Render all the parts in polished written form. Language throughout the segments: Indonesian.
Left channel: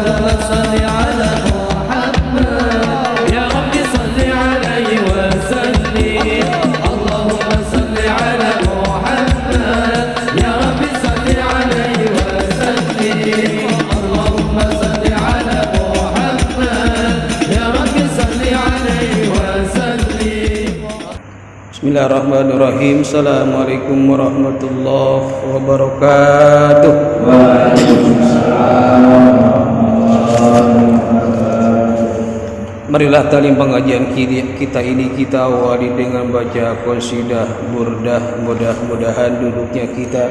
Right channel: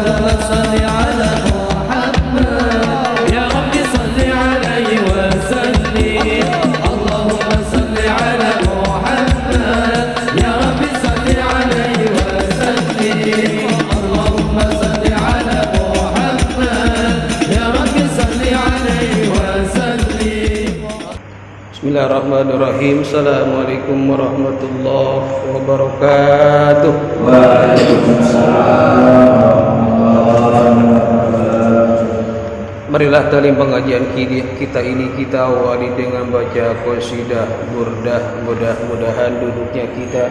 صل على محمد يا رب صل عليه وسلم اللهم صل على محمد يا رب صل عليه وسلم اللهم صل على محمد يا رب صل عليه وسلم. Bismillahirrahmanirrahim. Assalamualaikum warahmatullahi wabarakatuh. Marilah talim pengajian kita ini kita awali dengan baca qasidah burdah. Mudah-mudahan duduknya kita,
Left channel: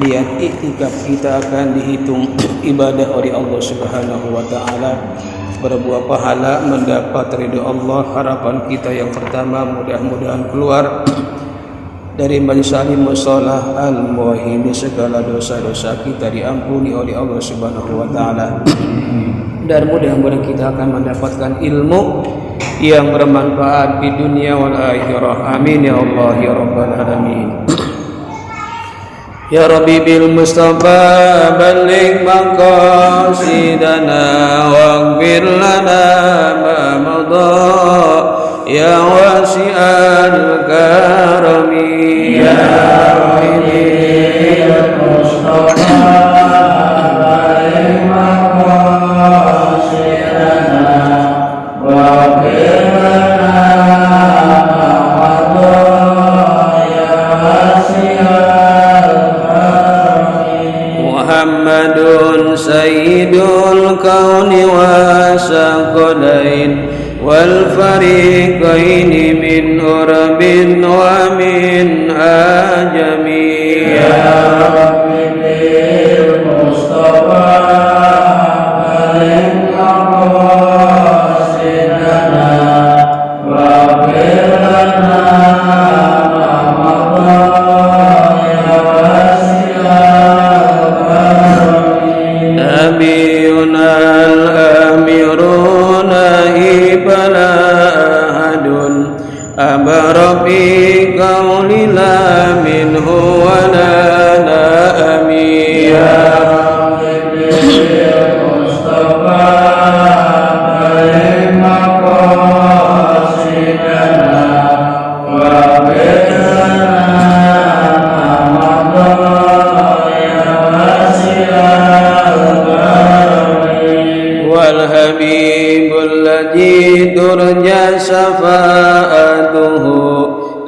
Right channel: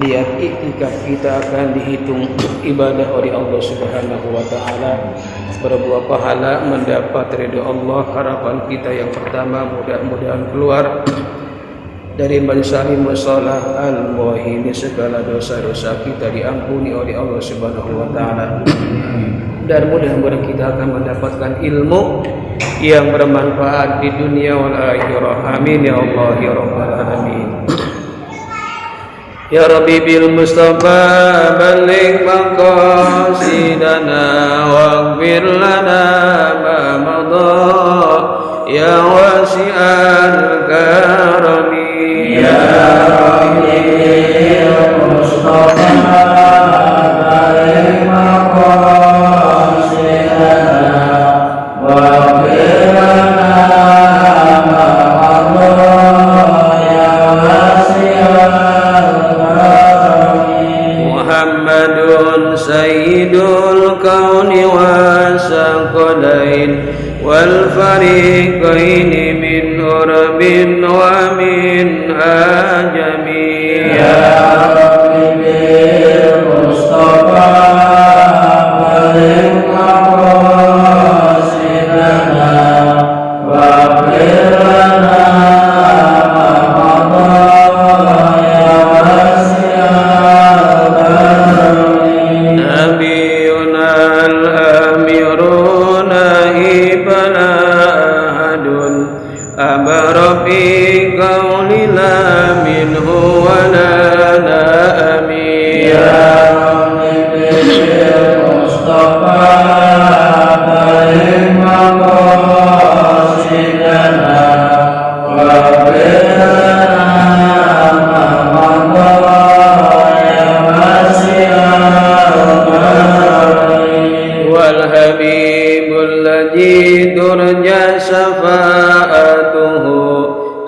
niat iktikaf kita akan dihitung ibadah oleh Allah Subhanahu wa taala, berbuah pahala, mendapat ridha Allah. Harapan kita yang pertama, mudah-mudahan keluar dari majelis musholah al-muwahhidin, segala dosa-dosa kita diampuni oleh Allah Subhanahu wa taala. Dan mudah-mudahan kita akan mendapatkan ilmu yang bermanfaat di dunia wal akhirah. Amin ya Allah ya rabbal alamin. Ya Rabbi bil Mustafa balligh maqasidana waghfir lana ma madha ya wasi'al karami ya Rabbi bil Mustafa balligh maqasidana waghfir lana ma madha ya wasi'al Sayyidul kauni wa saqalain wal fariqaini min urbin wa min ajami ya Rabbi bil Mustafa balligh maqasidana wa ghfir lana ma madha ya wasi'al نبينا الأمير نائبنا أحد أمر بقول لا منه ولا نأمي يا رب بالمصطفى بلغ مقاصدنا واغفر لنا ما مضى يا واسع والحبيب الذي ترجى شفاعته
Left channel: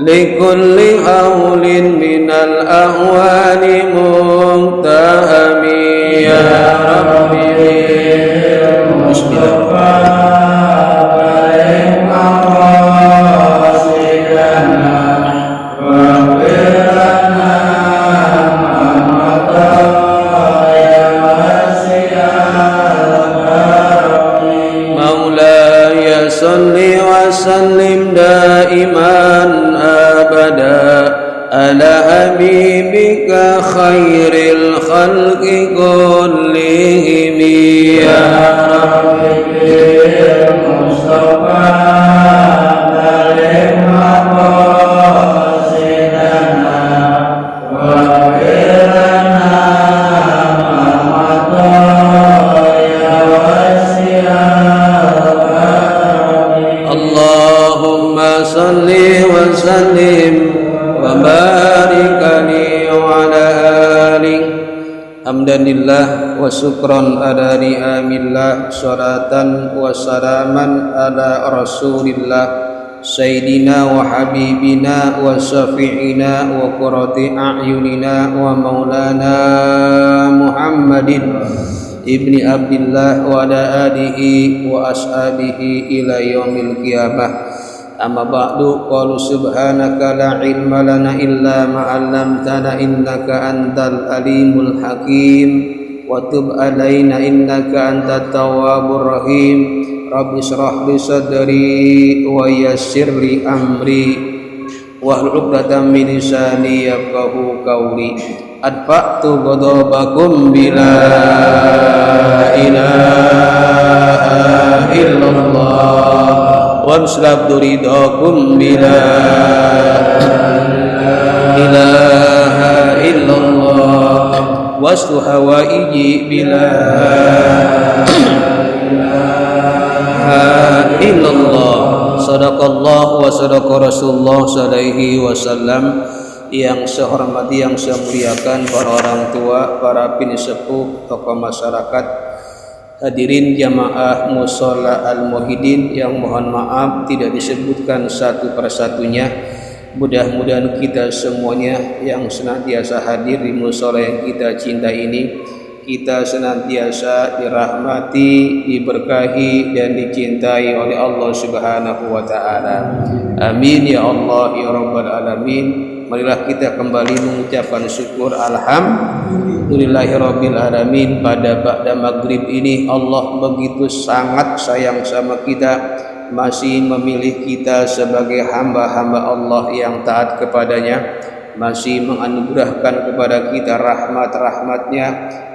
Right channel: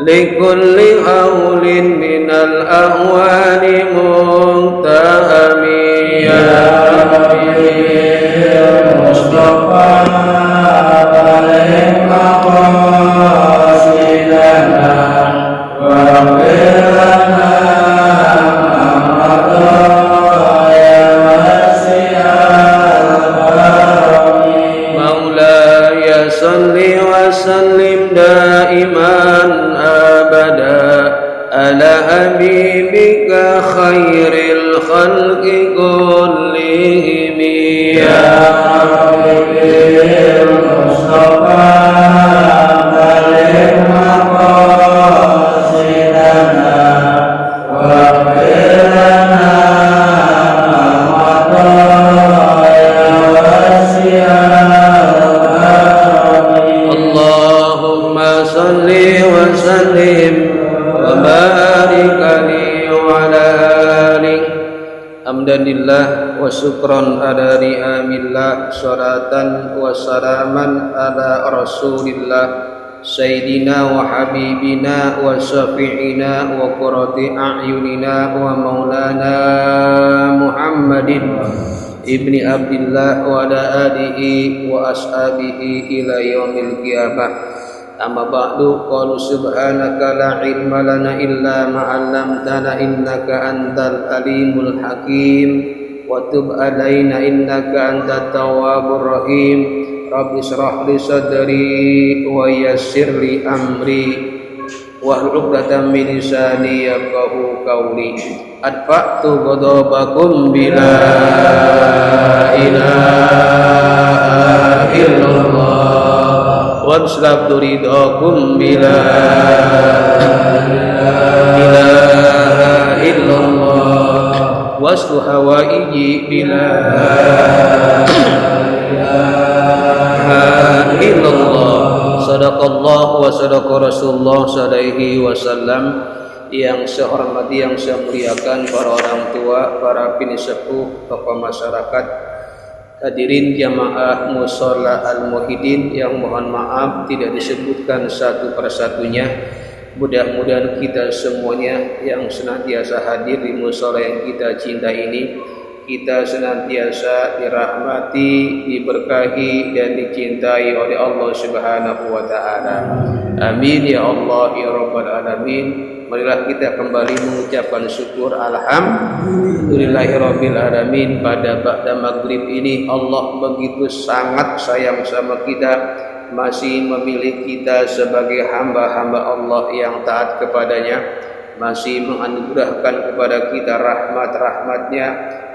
لكل هول من الأهوال منتهم يا ربي المصطفى بلغ مقاصدنا واغفر لنا ما مضى يا واسع مولاي صل وسلم دائما أبدا على حبيبك خير الخلق كلهم يا ربي بالمصطفى بلغ مقاصدنا واغفر لنا ما مضى يا واسع اللهم صل وسلم وبارك عليه وعلى آله حمدا لله وشكرا على نعمillah salatan wa salaman ala rasulillah sayyidina wa habibina wa syafi'ina wa qurrati a'yunina wa maulana Muhammadin ibni Abdillah wa ala alihi wa ashabihi ila yaumil qiyamah. Amma ba'du, qalu subhanaka la ilma lana illa ma 'allamtana innaka antal alimul hakim wa tub alaina innaka antat tawwabur rahim. Rabbi shrah li sadri wa yassir li amri wahlul 'uqdatam min lisani yafqahu qawli. Adfa'tu ghadabakum bila ilaha illallah وَأَسْلَبْتُ رِضَاكُمْ بِلَا إِلَهَ إِلَّا اللَّهِ وَاسْتُ هَوَائِجِي بِلَا sodako Rasulullah sallallahu wasallam. Yang saya hormati, yang saya muliakan para orang tua, para pinisepuh, tokoh masyarakat, hadirin jamaah Mushola Al-Muwahhidin yang mohon maaf tidak disebutkan satu persatunya. Mudah-mudahan kita semuanya yang senantiasa hadir di mushola yang kita cintai ini, kita senantiasa dirahmati, diberkahi dan dicintai oleh Allah Subhanahu wa taala. Amin ya Allah ya rabbal alamin. Marilah kita kembali mengucapkan syukur alhamdulillahirabbil alamin. Pada ba'da maghrib ini Allah begitu sangat sayang sama kita, masih memilih kita sebagai hamba-hamba Allah yang taat kepadanya, masih menganugerahkan kepada kita rahmat-rahmatnya,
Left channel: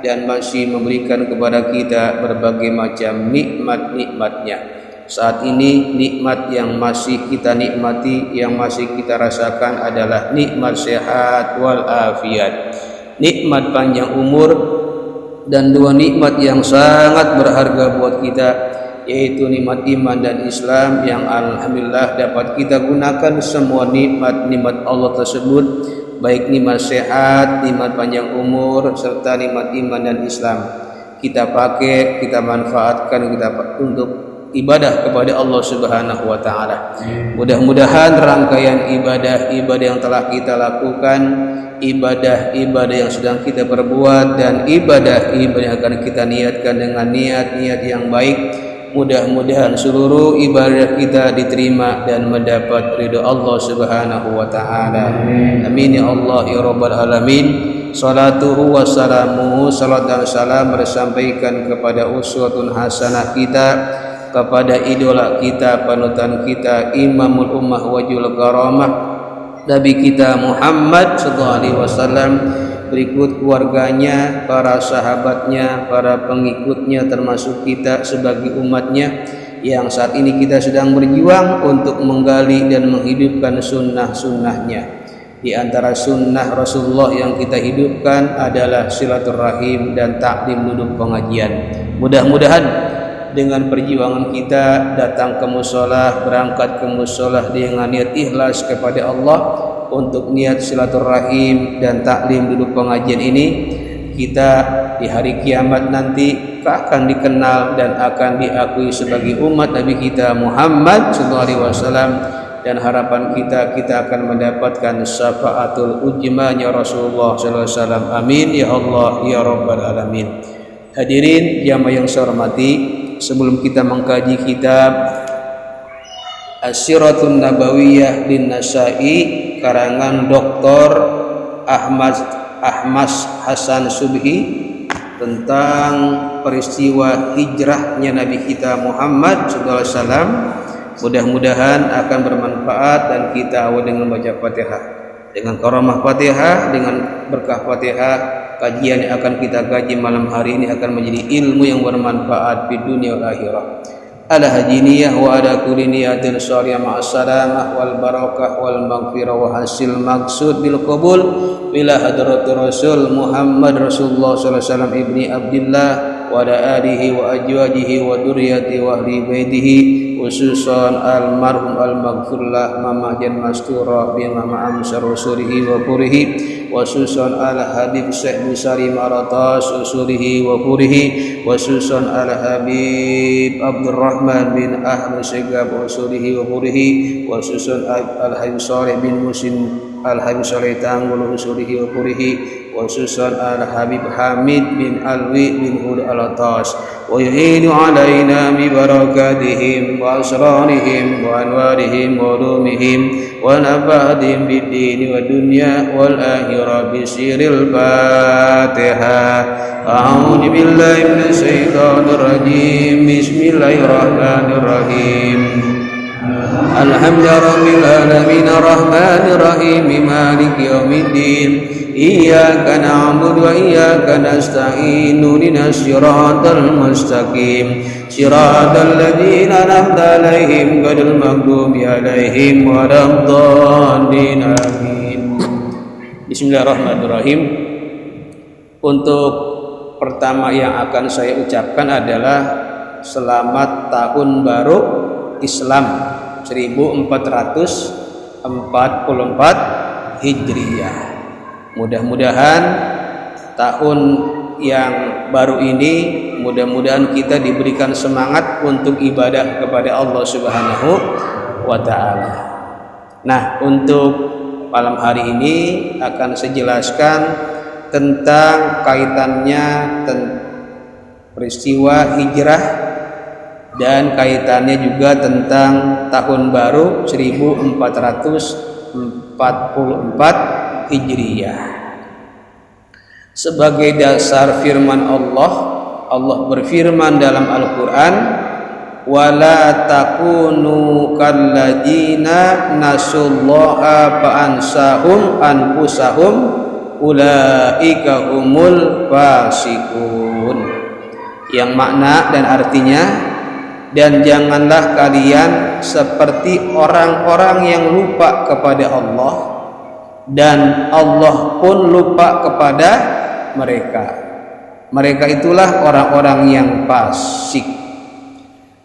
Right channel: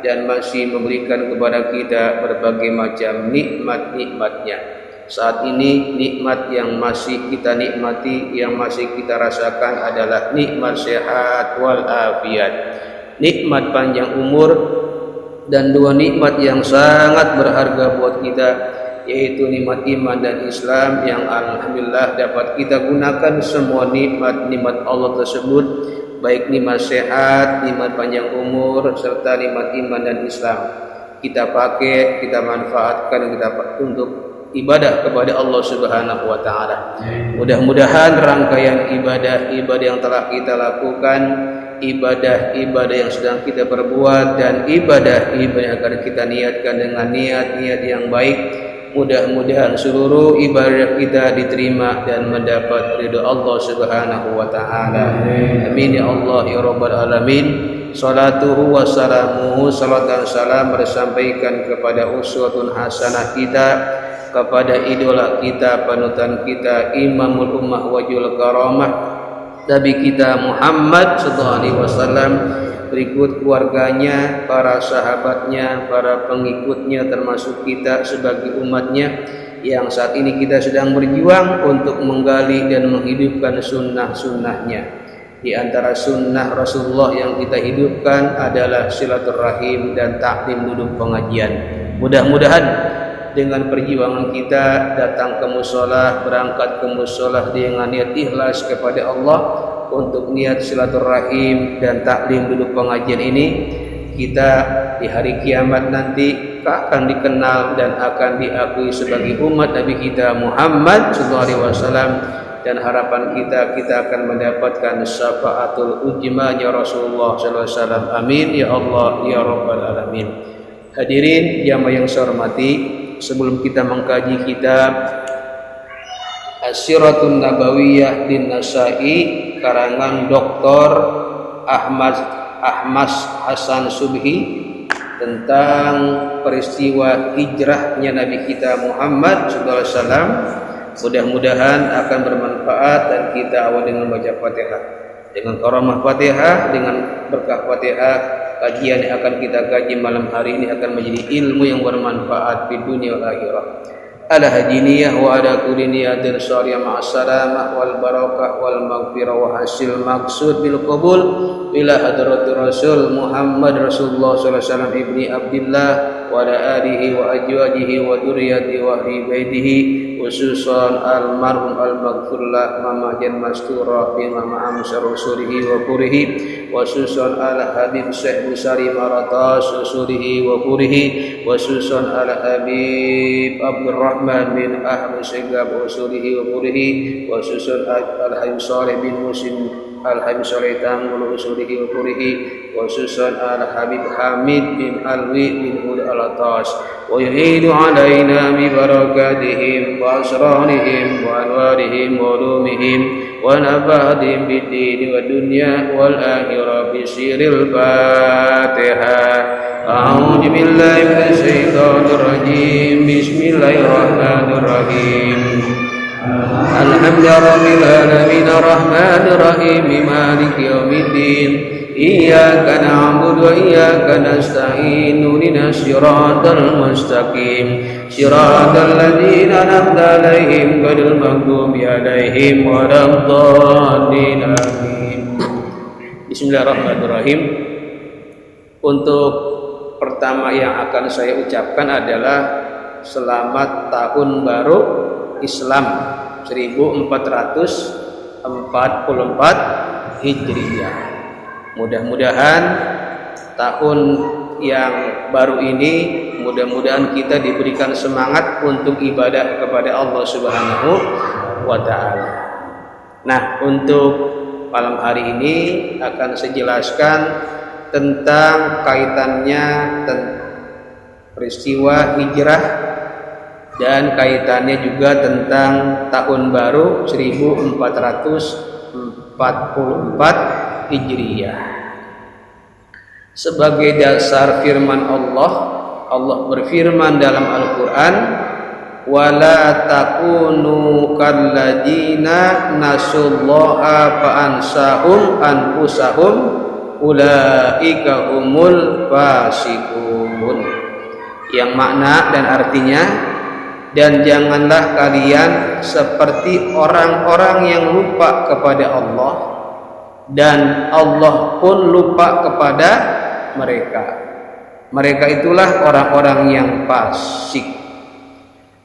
dan masih memberikan kepada kita berbagai macam nikmat-nikmatnya. Saat ini nikmat yang masih kita nikmati, yang masih kita rasakan adalah nikmat sehat wal afiat, nikmat panjang umur, dan dua nikmat yang sangat berharga buat kita, yaitu nikmat iman dan Islam, yang alhamdulillah dapat kita gunakan semua nikmat-nikmat Allah tersebut, baik nikmat sehat, nikmat panjang umur, serta nikmat iman dan Islam. Kita pakai, kita manfaatkan untuk ibadah kepada Allah Subhanahu wa taala. Mudah-mudahan rangkaian ibadah-ibadah yang telah kita lakukan, ibadah-ibadah yang sedang kita perbuat, dan ibadah-ibadah yang akan kita niatkan dengan niat-niat yang baik, mudah-mudahan seluruh ibadah kita diterima dan mendapat ridha Allah Subhanahu wa taala. Amin ya Allah ya rabbal alamin. Salatuhu wassalamuhu, salat dan salam bersampaikan kepada uswatun hasanah kita, kepada idola kita, panutan kita, imamul ummah wajul karamah, Nabi kita Muhammad sallallahu alaihi wasallam, berikut keluarganya, para sahabatnya, para pengikutnya, termasuk kita sebagai umatnya yang saat ini kita sedang berjuang untuk menggali dan menghidupkan sunnah-sunnahnya. Di antara sunnah Rasulullah yang kita hidupkan adalah silaturahim dan taklim duduk pengajian. Mudah-mudahan dengan perjuangan kita datang ke mushola, berangkat ke mushola dengan niat ikhlas kepada Allah untuk niat silaturahim dan taklim duduk pengajian ini, kita di hari kiamat nanti akan dikenal dan akan diakui sebagai umat Nabi kita Muhammad sallallahu alaihi wasallam, dan harapan kita akan mendapatkan syafaatul ujmanya Rasulullah sallallahu alaihi wasallam. Amin ya Allah ya rabbal alamin. Hadirin jamaah yang saya hormati, sebelum kita mengkaji kitab As-Siratun Nabawiyah din Nasa'i karangan Dr. Ahmad Hasan Subhi tentang peristiwa hijrahnya Nabi kita Muhammad sallallahu alaihi wasallam, mudah-mudahan akan bermanfaat, dan kita awal dengan baca Fatihah. Dengan karamah Fatihah, dengan berkah Fatihah, kajian yang akan kita kaji malam hari ini akan menjadi ilmu yang bermanfaat di dunia wal akhirah. Ala hadiniyah wa ala kulli niyatin syariah ma'assalamah wal barakah wal maghfirah wa hasil maksud bil qabul bila hadratir Rasul Muhammad Rasulullah sallallahu alaihi wasallam ibni Abdillah wa ala alihi wa ajwajihi wa dzurriyyati wa ahli baitihi, khususan almarhum al-maghfurlah Mama Jan Mastura bin Mama Amsar Usurihi wa Purihi, khususan al-Habib Syekh Busari Maratas Usurihi wa Purihi, khususan al-Habib Abdurrahman bin Ahmad Segab Usurihi wa Purihi, khususan al-Habib Saleh bin Musin Al-Habib Saleh Tanggul Usurihi wa Purihi, khususan al-Habib Hamid bin Alwi bin Hud al-Atas, wa yuhidu alaina bi barakatihim wa asrarihim wa anwarihim wa ulumihim wa nabadihim bid din wa dunya wal akhirah bi sirril Fatihah. A'udzu billahi minasy syaithanir rajim. Bismillahirrahmanirrahim. Alhamdulillahirabbil alamin arrahmanir rahim maliki yaumiddin iyyaka na'budu wa iyyaka nasta'in ihdinas siratal mustaqim siratal ladzina an'amta 'alaihim ghairil maghdubi 'alaihim waladdallin. Amin. Bismillahirrahmanirrahim. Untuk pertama yang akan saya ucapkan adalah selamat tahun baru Islam 1442 1444 Hijriah. Mudah-mudahan tahun yang baru ini, mudah-mudahan kita diberikan semangat untuk ibadah kepada Allah Subhanahu wa Ta'ala. Nah, untuk malam hari ini akan saya jelaskan tentang kaitannya peristiwa hijrah dan kaitannya juga tentang tahun baru 1444 Hijriah. Sebagai dasar firman Allah, Allah berfirman dalam Al-Quran, wala takunu kalladzina nasullaha fa'ansahum anfusahum ulaika humul fasiqun. Yang makna dan artinya, dan janganlah kalian seperti orang-orang yang lupa kepada Allah, dan Allah pun lupa kepada mereka. Mereka itulah orang-orang yang fasik.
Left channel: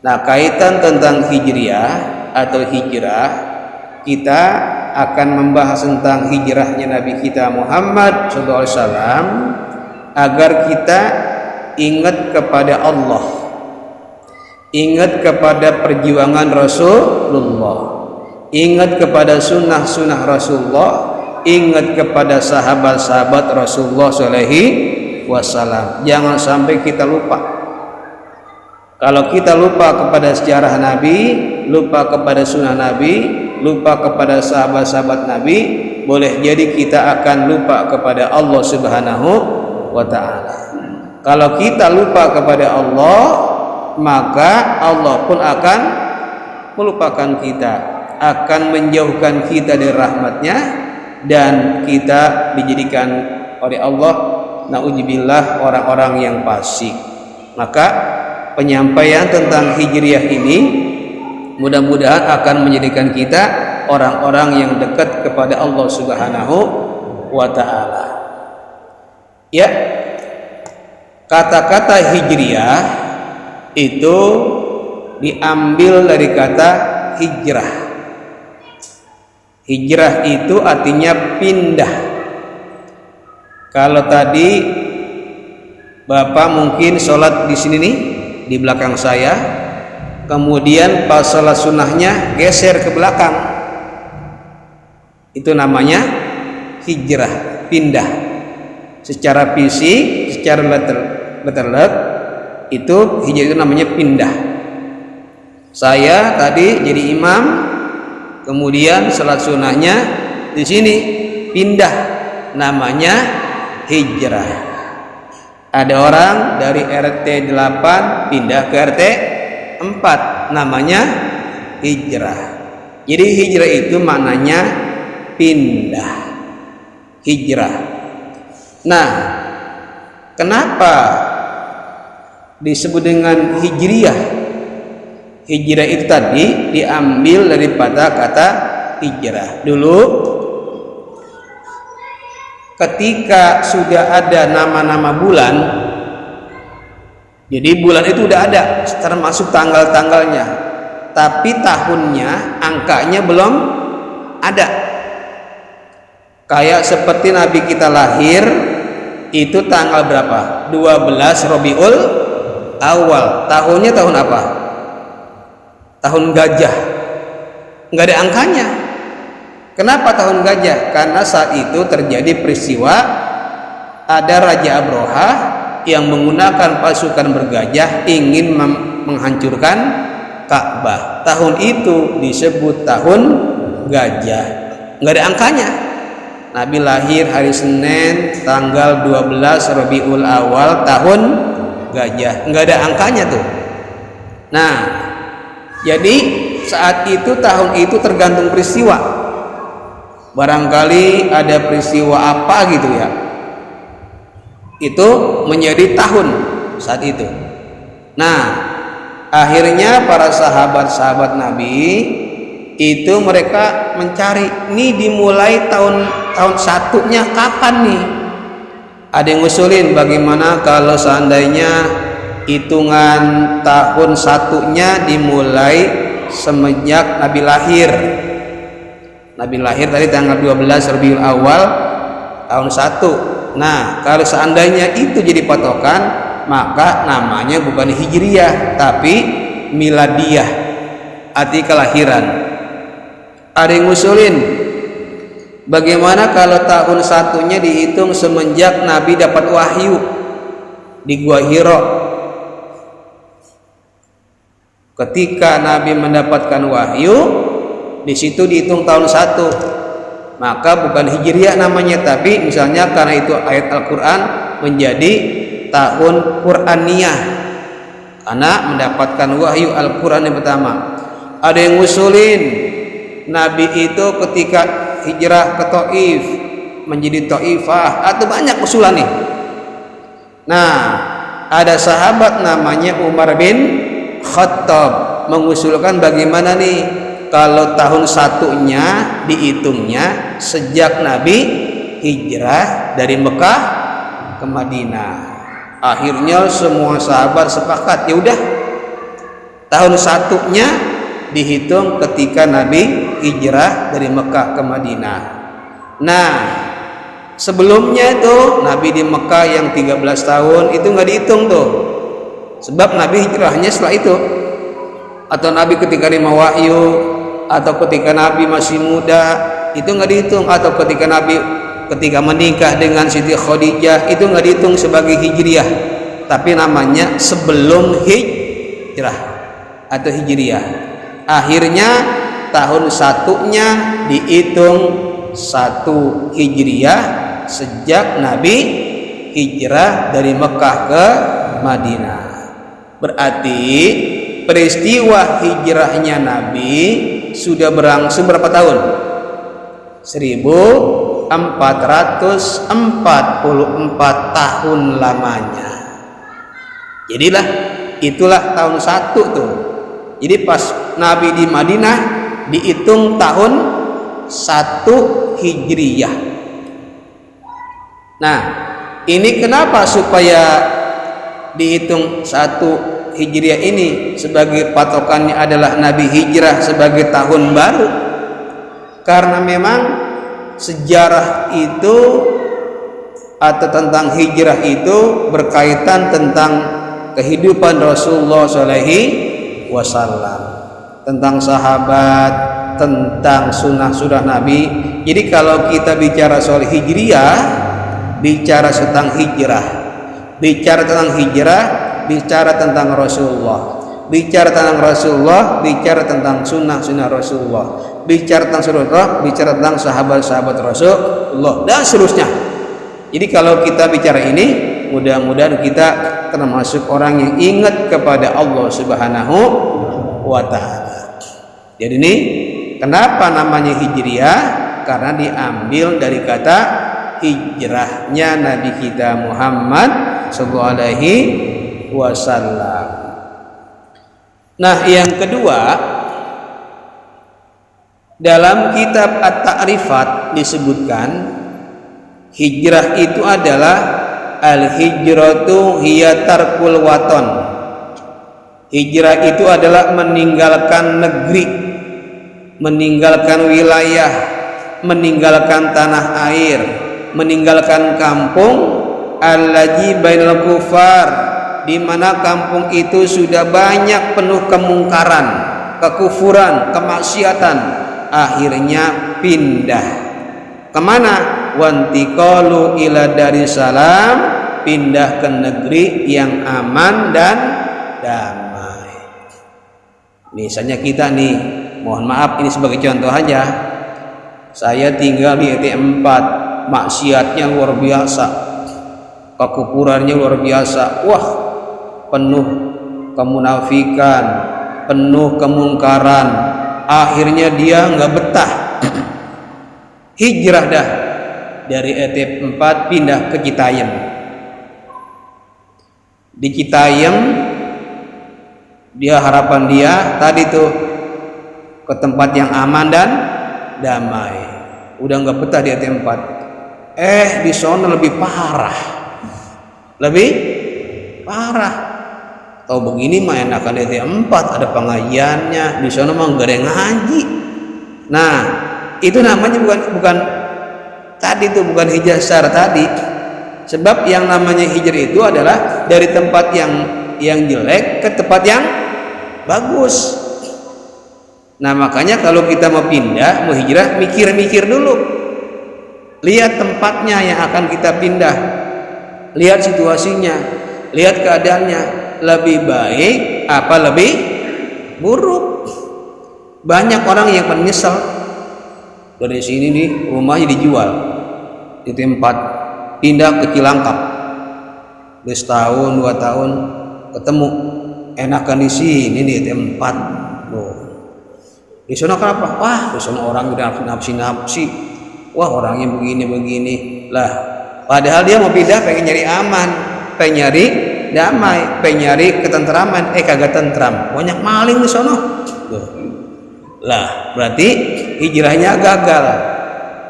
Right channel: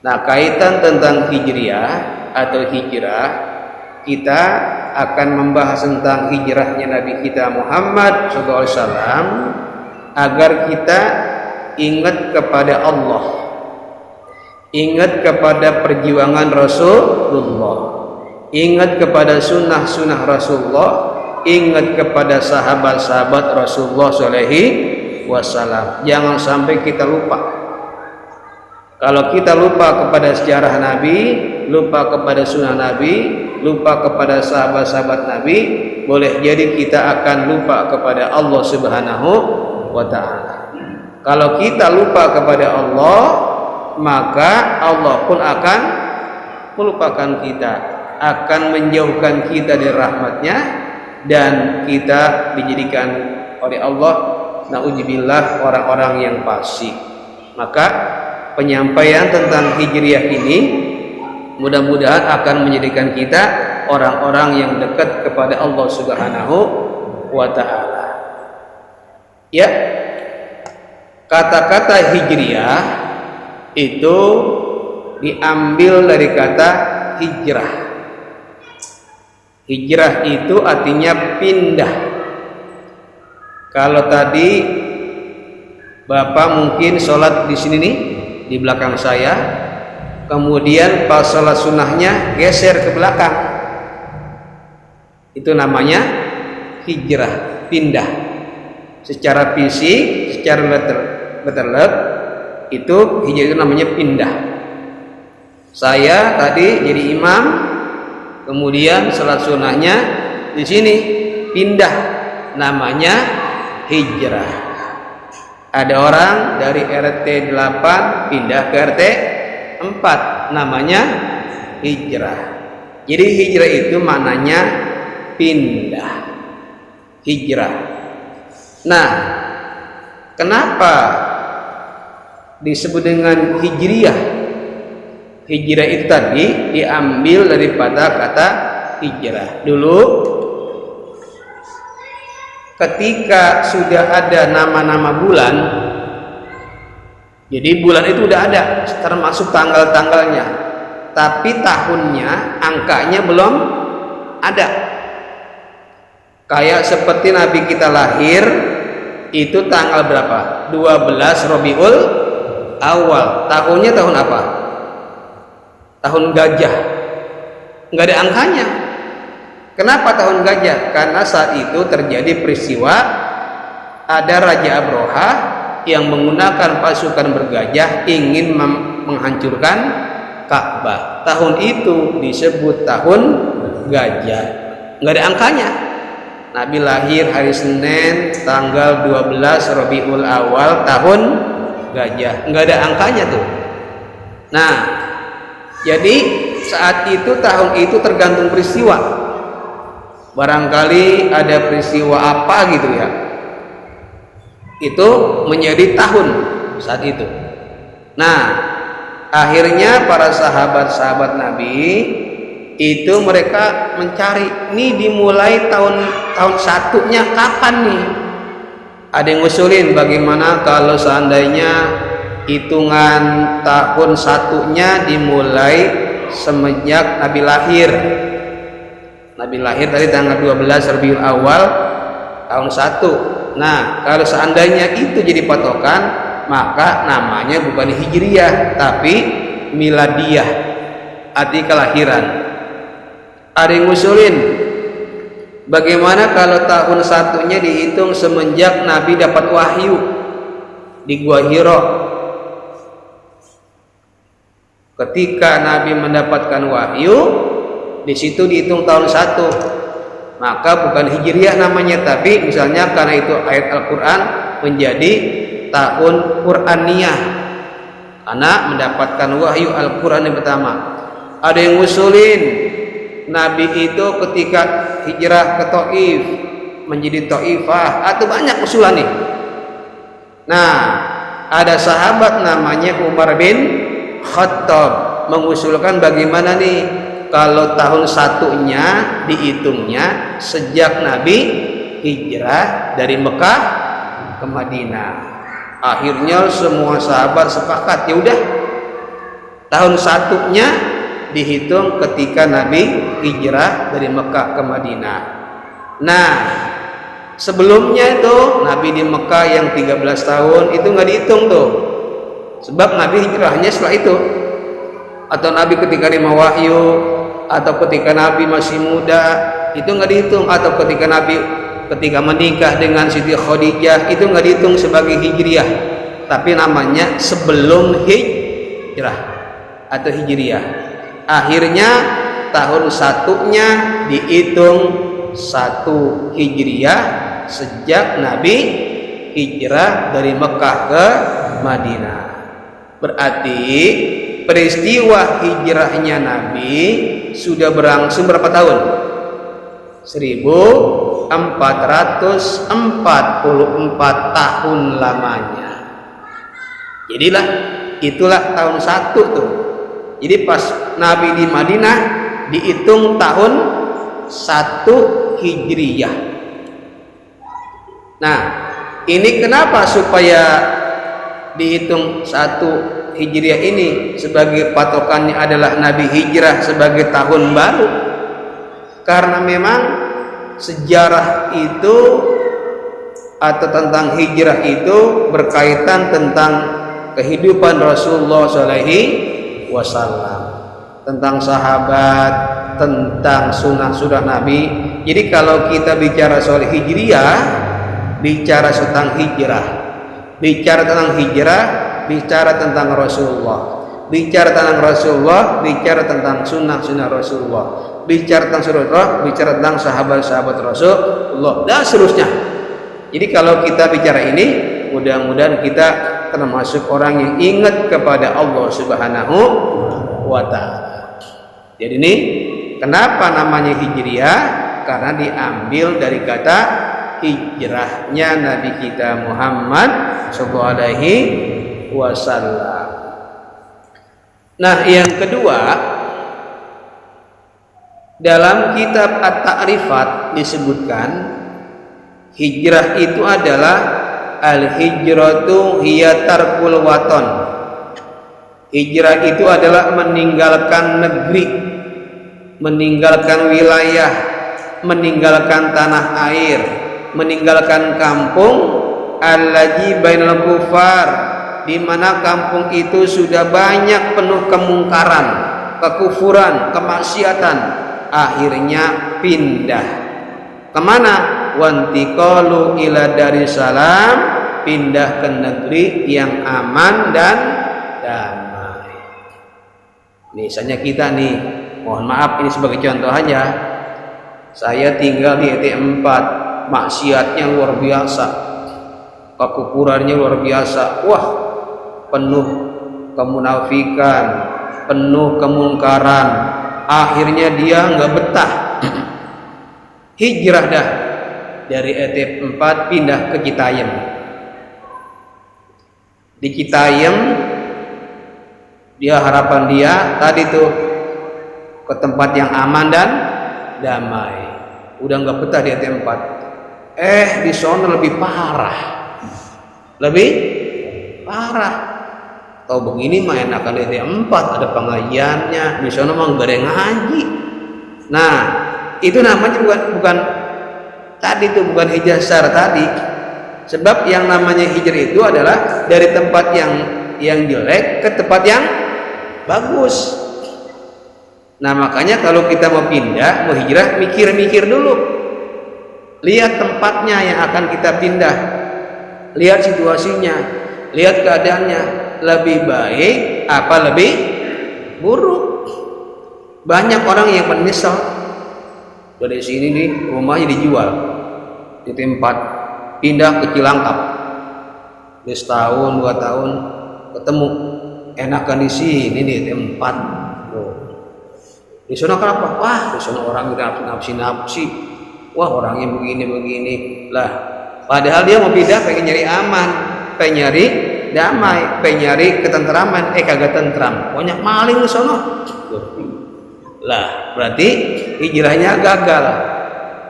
Nah, kaitan tentang hijriah atau hijrah, kita akan membahas tentang hijrahnya Nabi kita Muhammad SAW agar kita ingat kepada Allah, ingat kepada perjuangan Rasulullah, ingat kepada sunnah-sunnah Rasulullah, ingat kepada sahabat-sahabat Rasulullah SAW. Jangan sampai kita lupa. Kalau kita lupa kepada sejarah Nabi, lupa kepada sunnah Nabi, lupa kepada sahabat-sahabat Nabi, boleh jadi kita akan lupa kepada Allah Subhanahu wa Ta'ala. Kalau kita lupa kepada Allah, maka Allah pun akan melupakan kita, akan menjauhkan kita dari rahmatnya, dan kita dijadikan oleh Allah, na'udzubillah, orang-orang yang fasik. Maka penyampaian tentang hijriah ini mudah-mudahan akan menjadikan kita orang-orang yang dekat kepada Allah Subhanahu wa Ta'ala. Ya, kata-kata hijriah itu diambil dari kata hijrah. Hijrah itu artinya pindah. Kalau tadi Bapak mungkin sholat di sini nih, di belakang saya, kemudian pas sholat sunnahnya geser ke belakang, itu namanya hijrah, pindah. Secara fisik, secara letterlet, itu hijrah itu namanya pindah. Saya tadi jadi imam, kemudian sholat sunnahnya di sini pindah, namanya hijrah. Ada orang dari RT 8 pindah ke RT 4, namanya hijrah. Jadi hijrah itu maknanya pindah, hijrah. Nah, kenapa disebut dengan hijriah? Hijrah itu tadi diambil daripada kata hijrah. Dulu ketika sudah ada nama-nama bulan, jadi bulan itu udah ada termasuk tanggal-tanggalnya, tapi tahunnya, angkanya belum ada. Kayak seperti Nabi kita lahir itu tanggal berapa? 12 Rabiul Awal. Tahunnya tahun apa? Tahun gajah. Nggak ada angkanya. Kenapa tahun gajah? Karena saat itu terjadi peristiwa ada Raja Abroha yang menggunakan pasukan bergajah ingin menghancurkan Ka'bah. Tahun itu disebut tahun gajah. Nggak ada angkanya. Nabi lahir hari Senin tanggal 12 Rabiul Awal tahun gajah. Nggak ada angkanya tuh. Nah, jadi saat itu tahun itu tergantung peristiwa. Barangkali ada peristiwa apa gitu ya, itu menjadi tahun saat itu. Nah, akhirnya para sahabat-sahabat Nabi itu mereka mencari, nih dimulai tahun satunya kapan nih? Ada yang ngusulin, bagaimana kalau seandainya hitungan tahun satunya dimulai semenjak Nabi lahir. Nabi lahir tadi tanggal 12 Rabiul Awal tahun 1. Nah, kalau seandainya itu jadi patokan, maka namanya bukan Hijriyah tapi Miladiyah, arti kelahiran. Ada yang ngusulin, bagaimana kalau tahun 1-nya dihitung semenjak Nabi dapat wahyu di Gua Hira? Ketika Nabi mendapatkan wahyu, di situ dihitung tahun 1, maka bukan Hijriyah namanya, tapi misalnya karena itu ayat Al-Quran menjadi tahun Quraniyah karena mendapatkan wahyu Al-Quran yang pertama. Ada yang ngusulin Nabi itu ketika hijrah ke Taif menjadi Taifah, atau banyak usulan nih. Nah, ada sahabat namanya Umar bin Khattab mengusulkan bagaimana nih kalau tahun 1-nya dihitungnya sejak Nabi hijrah dari Mekah ke Madinah. Akhirnya semua sahabat sepakat, ya udah tahun 1-nya dihitung ketika Nabi hijrah dari Mekah ke Madinah. Nah, sebelumnya tuh Nabi di Mekah yang 13 tahun itu nggak dihitung tuh, sebab Nabi hijrahnya setelah itu. Atau Nabi ketika terima wahyu, atau ketika Nabi masih muda, itu nggak dihitung. Atau ketika menikah dengan Siti Khadijah, itu nggak dihitung sebagai Hijriyah, tapi namanya sebelum hijrah atau Hijriyah. Akhirnya tahun 1-nya dihitung 1 Hijriyah sejak Nabi hijrah dari Mekah ke Madinah. Berarti peristiwa hijrahnya Nabi sudah berlangsung berapa tahun? 1444 tahun lamanya. Jadilah itulah tahun 1 tuh. Jadi pas Nabi di Madinah dihitung tahun 1 Hijriyah. Nah, ini kenapa supaya dihitung 1 Hijriyah ini sebagai patokannya adalah Nabi hijrah sebagai tahun baru? Karena memang sejarah itu atau tentang hijrah itu berkaitan tentang kehidupan Rasulullah SAW, tentang sahabat, tentang sunnah-sunnah Nabi. Jadi kalau kita bicara soal Hijriyah, bicara tentang hijrah, bicara tentang hijrah, bicara tentang Rasulullah, bicara tentang Rasulullah, bicara tentang sunnah-sunnah Rasulullah, bicara tentang Rasulullah, bicara tentang sahabat-sahabat Rasulullah, dan seterusnya. Jadi kalau kita bicara ini, mudah-mudahan kita termasuk orang yang ingat kepada Allah Subhanahu wa Ta'ala. Jadi ini kenapa namanya Hijriyah? Karena diambil dari kata hijrahnya Nabi kita Muhammad sallallahu alaihi wasallam. Nah, yang kedua, dalam kitab At-Ta'rifat disebutkan hijrah itu adalah al-hijratu hiya tarkul waton. Hijrah itu adalah meninggalkan negeri, meninggalkan wilayah, meninggalkan tanah air, meninggalkan kampung allazi bainal kufar, di mana kampung itu sudah banyak penuh kemungkaran, kekufuran, kemaksiatan. Akhirnya pindah kemana? Wantiqalu ila Darussalam, pindah ke negeri yang aman dan damai. Misalnya kita nih, mohon maaf ini sebagai contoh aja, saya tinggal di RT 4, maksiatnya luar biasa, kekufurannya luar biasa, wah penuh kemunafikan, penuh kemungkaran. Akhirnya dia nggak betah, hijrah dah dari RT 4 pindah ke Citayam. Di Citayam dia harapan dia tadi tuh ke tempat yang aman dan damai. Udah nggak betah di RT 4. Di sana lebih parah, lebih parah. Tahu begini mah enakan RT 4, ada pengajiannya. Di sana mah nggak ada yang ngaji. Nah, itu namanya bukan tadi itu bukan hijrah secara tadi. Sebab yang namanya hijrah itu adalah dari tempat yang jelek ke tempat yang bagus. Nah makanya kalau kita mau pindah, mau hijrah, mikir-mikir dulu. Lihat tempatnya yang akan kita pindah, lihat situasinya, lihat keadaannya, lebih baik apa lebih buruk. Banyak orang yang menyesal, dari sini nih rumahnya dijual di tempat, pindah ke Cilangkap, udah setahun 2 tahun ketemu enakan di sini nih tempat. Di sana kenapa? Wah, di sana orang udah nafsi. Wah, orangnya begini lah. Padahal dia mau pindah pengen nyari aman, pengen nyari damai, pengen nyari ketentraman. Kagak tentram, banyak maling di sana. Lah, berarti hijrahnya gagal.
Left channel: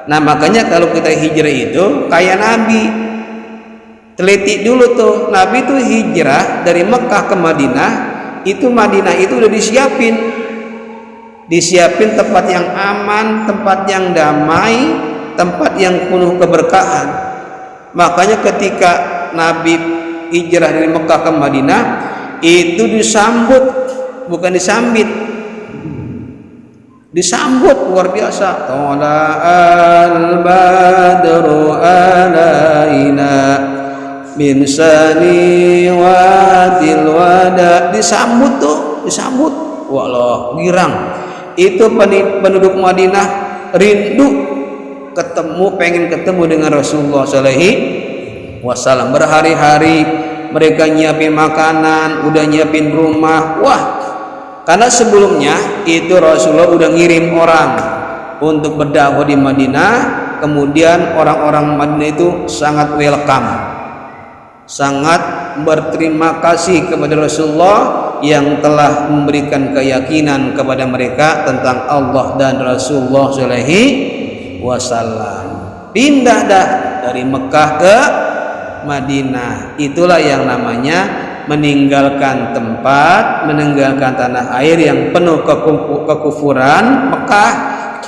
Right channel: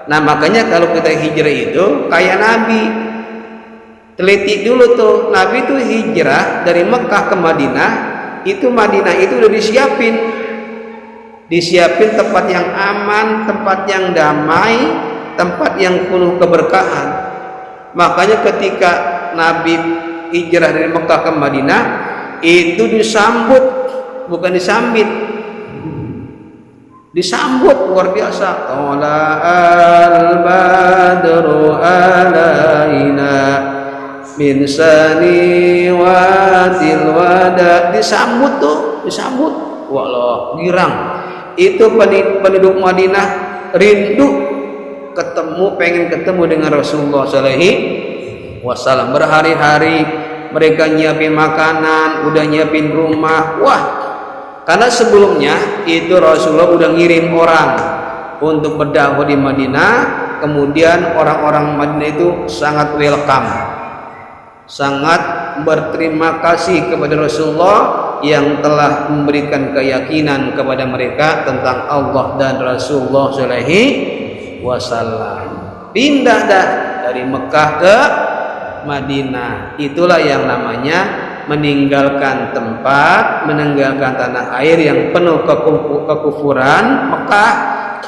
Nah, makanya kalau kita hijrah itu kayak Nabi. Teliti dulu tuh, Nabi tuh hijrah dari Mekah ke Madinah. Itu Madinah itu udah disiapin tempat yang aman, tempat yang damai, tempat yang penuh keberkahan. Makanya ketika Nabi hijrah dari Mekah ke Madinah itu disambut, bukan disambut luar biasa. Tala'al badru alaina min saniwatil wada. Disambut. Wallah, girang. Itu penduduk Madinah rindu pengen ketemu dengan Rasulullah SAW. Berhari-hari mereka nyiapin makanan, udah nyiapin rumah. Wah, karena sebelumnya itu Rasulullah udah ngirim orang untuk berdakwah di Madinah. Kemudian orang-orang Madinah itu sangat welcome, sangat berterima kasih kepada Rasulullah yang telah memberikan keyakinan kepada mereka tentang Allah dan Rasulullah SAW. Pindah dah dari Mekah ke Madinah. Itulah yang namanya meninggalkan tempat, meninggalkan tanah air yang penuh kekufuran, Mekah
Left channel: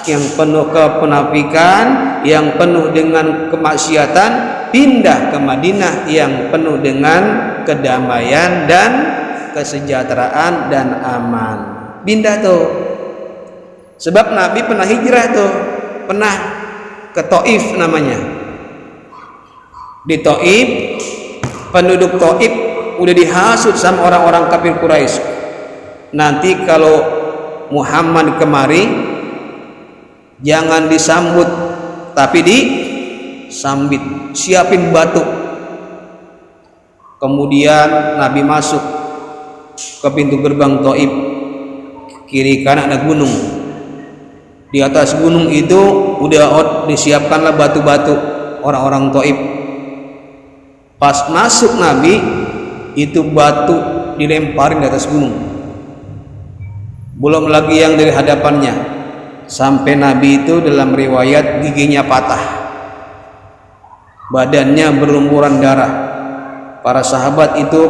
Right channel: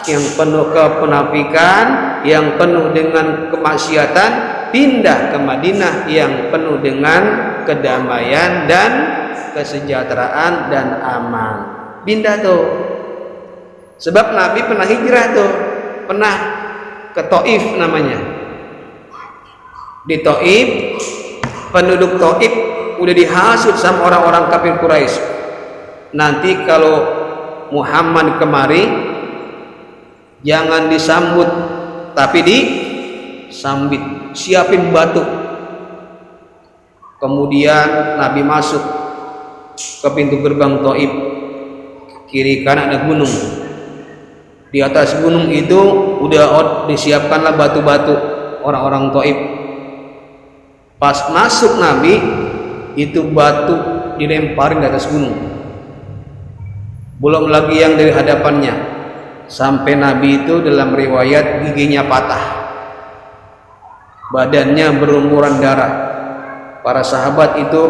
yang penuh kemunafikan, yang penuh dengan kemaksiatan, pindah ke Madinah yang penuh dengan kedamaian dan kesejahteraan dan aman. Pindah tuh. Sebab Nabi pernah hijrah tuh, pernah ke Taif namanya. Di Taif, penduduk Taif udah dihasut sama orang-orang kafir Quraisy. Nanti kalau Muhammad kemari jangan disambut tapi disambit, siapin batu. Kemudian Nabi masuk ke pintu gerbang Taif, kiri kanan ada gunung. Di atas gunung itu udah disiapkanlah batu-batu orang-orang Taif. Pas masuk Nabi, itu batu dilemparin di atas gunung. Belum lagi yang dari hadapannya. Sampai Nabi itu dalam riwayat giginya patah, badannya berlumuran darah. Para sahabat itu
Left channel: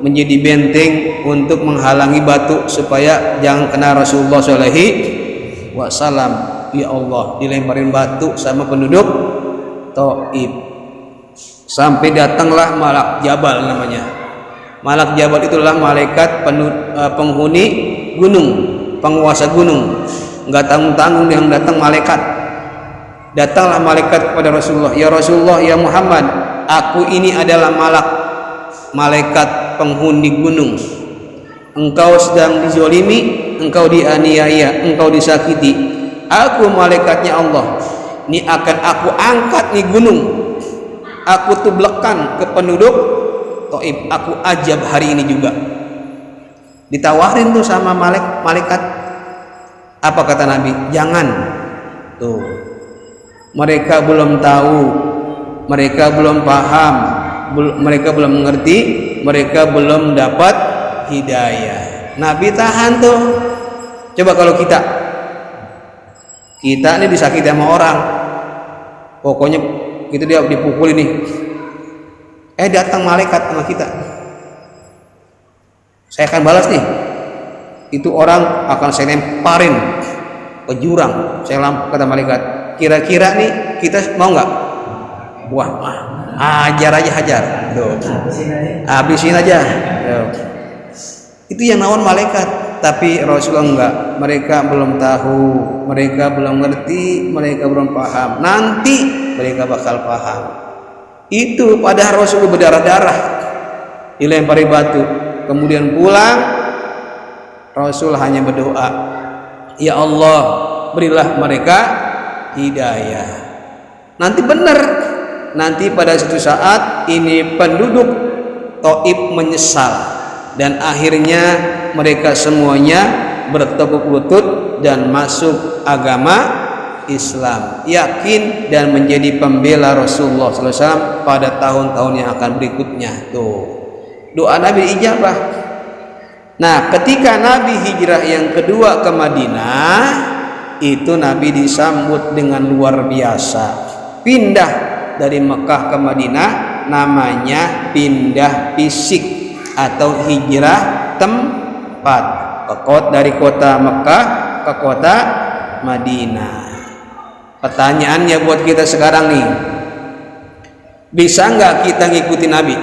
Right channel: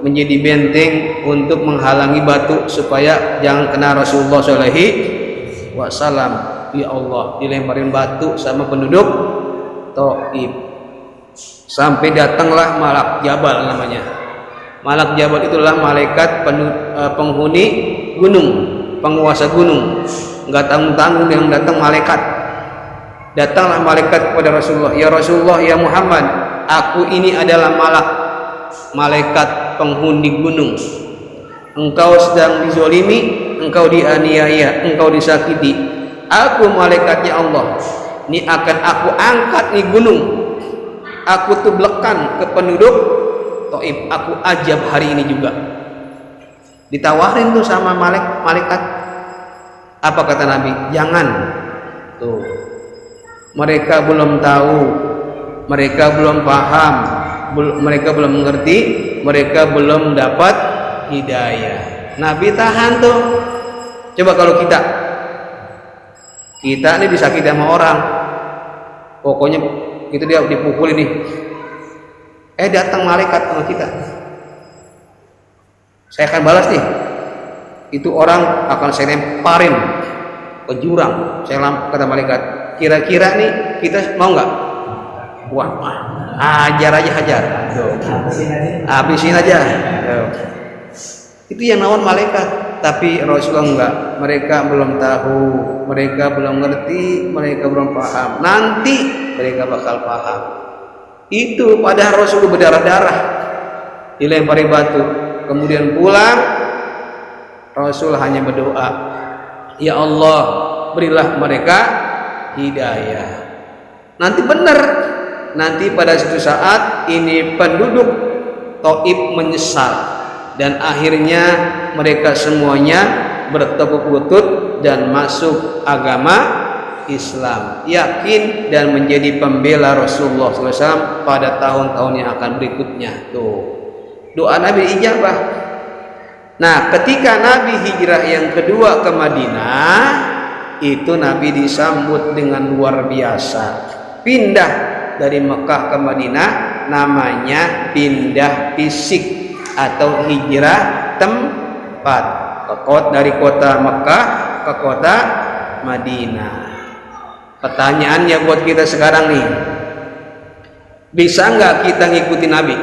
menjadi benteng untuk menghalangi batu supaya jangan kena Rasulullah SAW. Ya Allah, dilemparin batu sama penduduk Taif. Sampai datanglah Malak Jabal namanya. Malak Jabal itulah malaikat penghuni gunung, penguasa gunung. Enggak tanggung-tanggung yang datang malaikat. Datanglah malaikat kepada Rasulullah, ya Rasulullah, ya Muhammad, aku ini adalah malaikat penghuni gunung. Engkau sedang dizolimi, engkau dianiaya, engkau disakiti. Aku malaikatnya Allah. Ini akan aku angkat nih gunung. Aku tublekan ke penduduk Taif. Aku ajab hari ini juga. Ditawarin tuh sama malaikat. Apa kata Nabi? Jangan. Tuh. Mereka belum tahu, mereka belum paham, mereka belum mengerti, mereka belum dapat hidayah. Nabi tahan tuh. Coba kalau kita ini disakiti sama orang, pokoknya kita dia dipukul ini, datang malaikat sama kita, saya akan balas nih. Itu orang akan saya lemparin ke jurang. Kata malaikat, kira-kira nih kita mau nggak? Wah, ajar aja, hajar. Habisin aja. Itu yang naon malaikat. Tapi Rasulullah enggak. Mereka belum tahu, mereka belum ngerti, mereka belum paham. Nanti mereka bakal paham. Itu padahal Rasulullah berdarah-darah, dilempari batu. Kemudian pulang, Rasul hanya berdoa, ya Allah, berilah mereka hidayah. Nanti benar. Nanti pada suatu saat ini penduduk Taif menyesal dan akhirnya mereka semuanya bertekuk lutut dan masuk agama Islam, yakin dan menjadi pembela Rasulullah SAW pada tahun-tahun yang akan berikutnya. Tuh, doa Nabi ijabah. Nah, ketika Nabi hijrah yang kedua ke Madinah, itu Nabi disambut dengan luar biasa. Pindah dari Mekah ke Madinah namanya pindah fisik atau hijrah tempat, dari kota Mekah ke kota Madinah. Pertanyaannya buat kita sekarang nih, bisa nggak kita ngikutin Nabi?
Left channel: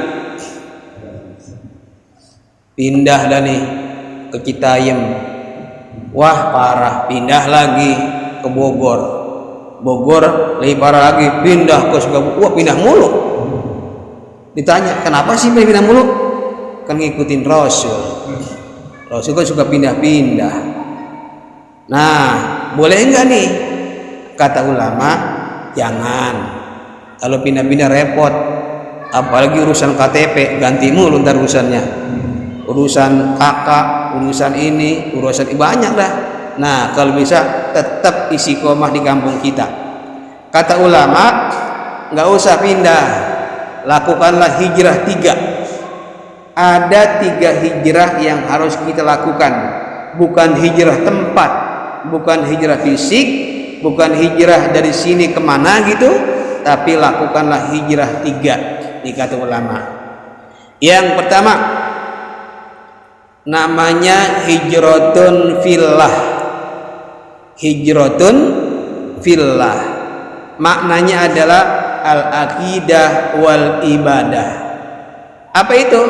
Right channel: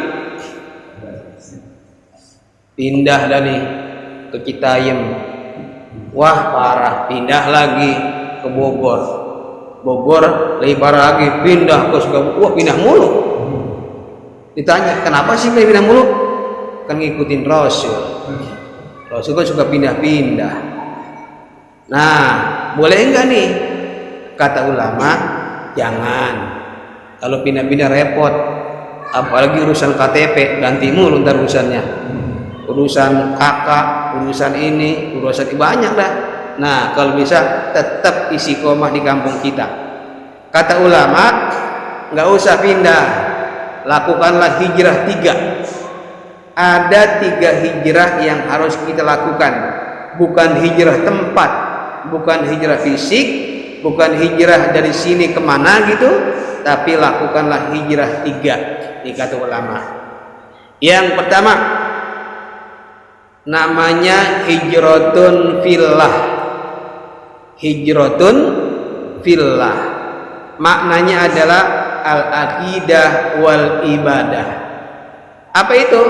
Pindah dah nih ke Citayam, wah parah, pindah lagi ke Bogor, lebih parah lagi, pindah ke Sukabumi, wah pindah mulu. Ditanya kenapa sih pindah mulu? Kan ngikutin Rasul kan suka pindah-pindah. Nah, boleh enggak nih? Kata ulama, jangan. Kalau pindah-pindah repot, apalagi urusan KTP, ganti mulu ntar urusannya, urusan kakak, urusan ini, urusan banyak dah. Nah, kalau bisa tetap istiqomah di kampung kita. Kata ulama, nggak usah pindah, lakukanlah hijrah 3. Ada 3 hijrah yang harus kita lakukan, bukan hijrah tempat, bukan hijrah fisik, bukan hijrah dari sini kemana gitu, tapi lakukanlah hijrah 3, dikata ulama. Yang pertama namanya hijratun fillah. Hijratun fillah maknanya adalah al-aqidah wal ibadah. Apa itu?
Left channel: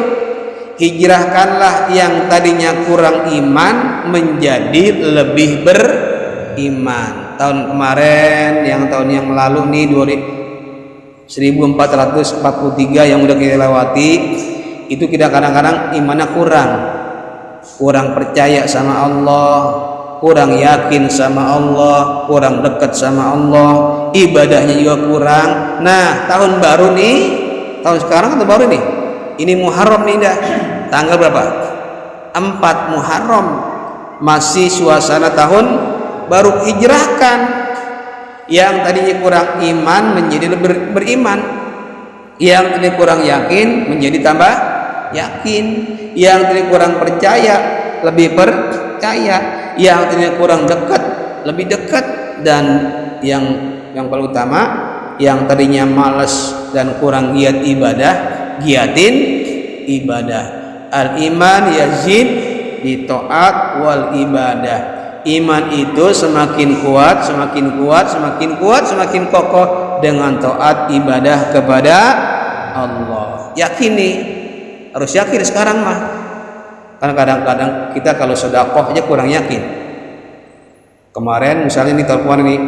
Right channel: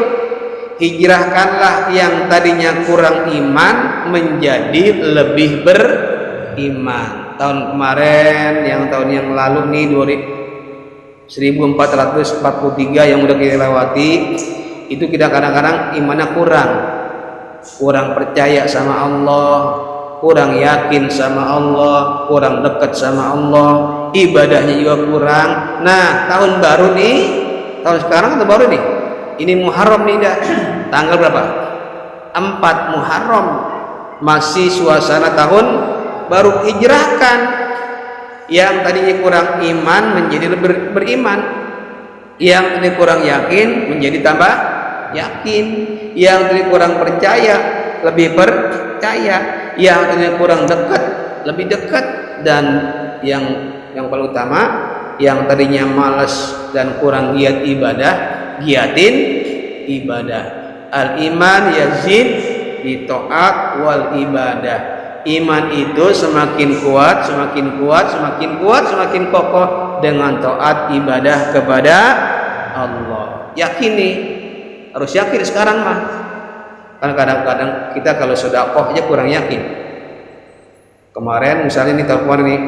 Hijrahkanlah yang tadinya kurang iman menjadi lebih beriman. Tahun kemarin, tahun yang lalu nih 1443 yang udah kita lewati, itu kita kadang-kadang imannya kurang percaya sama Allah, kurang yakin sama Allah, kurang dekat sama Allah, ibadahnya juga kurang. Nah, tahun baru nih, tahun sekarang atau baru nih, ini Muharram nih dah, tanggal berapa? 4 Muharram, masih suasana tahun baru. Hijrahkan yang tadinya kurang iman menjadi beriman, yang tadinya kurang yakin menjadi tambah yakin, yang tadinya kurang percaya lebih percaya, yang tadinya kurang dekat lebih dekat, dan yang paling utama, yang tadinya malas dan kurang giat ibadah, giatin ibadah. Al-iman yazid bi ta'at wal ibadah. Iman itu semakin kuat, semakin kokoh dengan taat ibadah kepada Allah. Yakin nih, harus yakin sekarang mah. Karena kadang-kadang kita kalau sedekah aja kurang yakin. Kemarin misalnya nih telepon nih,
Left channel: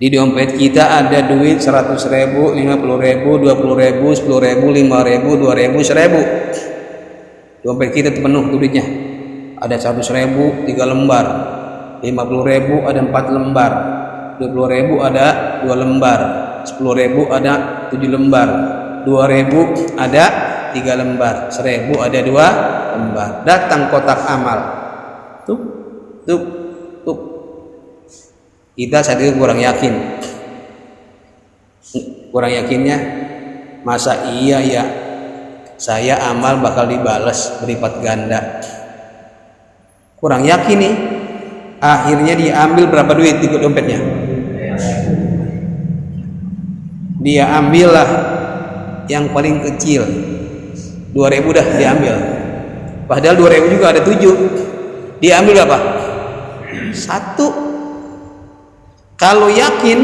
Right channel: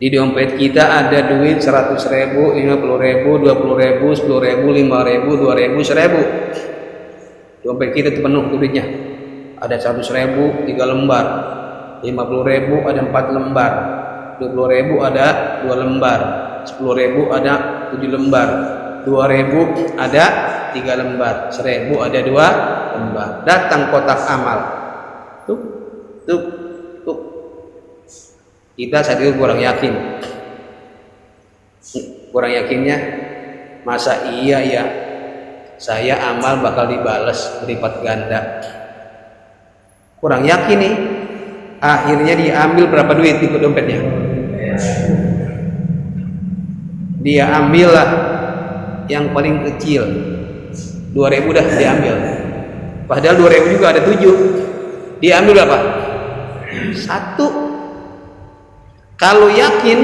di dompet kita ada duit 100.000, 50.000, 20.000, 10.000, 5.000, 2.000, 1.000. Dompet kita itu penuh duitnya. Ada 100.000 3 lembar, 50.000 ada 4 lembar, 20.000 ada 2 lembar, 10.000 ada 7 lembar, 2.000 ada 3 lembar, 1.000 ada 2 lembar. Datang kotak amal, tuh. Kita saat itu kurang yakinnya, masa iya ya saya amal bakal dibalas berlipat ganda. Kurang yakin nih, akhirnya diambil berapa duit di dompetnya? Dia ambillah yang paling kecil, 2.000 dah diambil. Padahal 2.000 juga ada 7. Diambil berapa? Satu. Kalau yakin,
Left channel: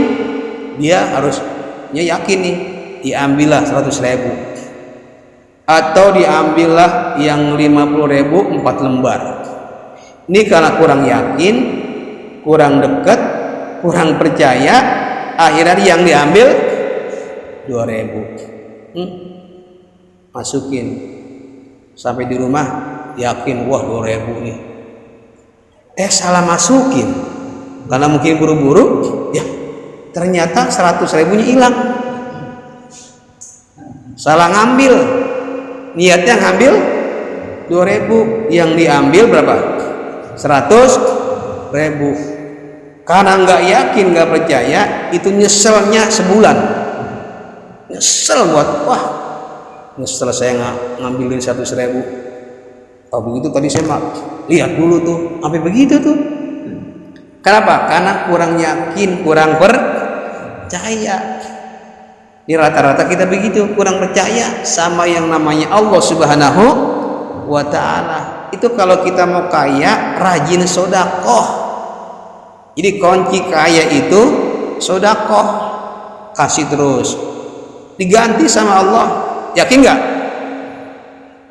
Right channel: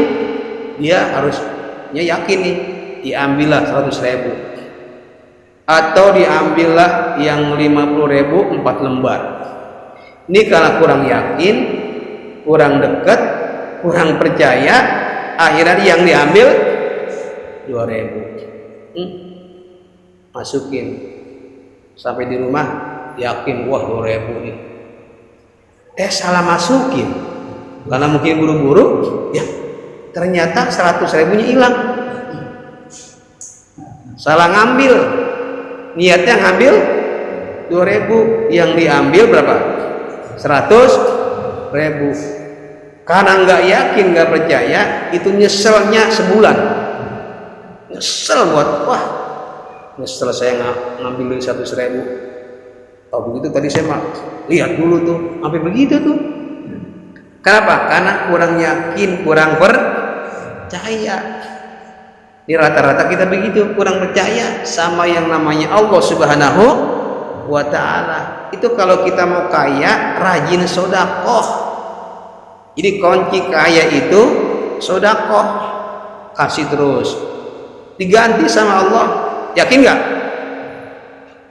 dia harusnya yakin nih, diambillah 100.000 atau diambillah yang 50.000 4 lembar. Ini kalau kurang yakin, kurang dekat, kurang percaya, akhirnya yang diambil 2.000. Masukin sampai di rumah, yakin wah 2.000 nih. Salah masukin karena mungkin buru-buru, ya ternyata 100.000-nya hilang. Salah ngambil, niatnya ngambil 2.000, yang diambil berapa? 100.000. Karena nggak yakin, nggak percaya, itu nyeselnya sebulan. Nyesel buat, wah nyesel saya ngambilin 100.000. Oh begitu tadi saya lihat dulu tuh, sampai begitu tuh. Kenapa? Karena kurang yakin, kurang percaya. Di rata-rata kita begitu, kurang percaya sama yang namanya Allah Subhanahu wa Ta'ala. Itu kalau kita mau kaya, rajin sodakoh. Jadi kunci kaya itu sodakoh, kasih terus, diganti sama Allah. Yakin nggak?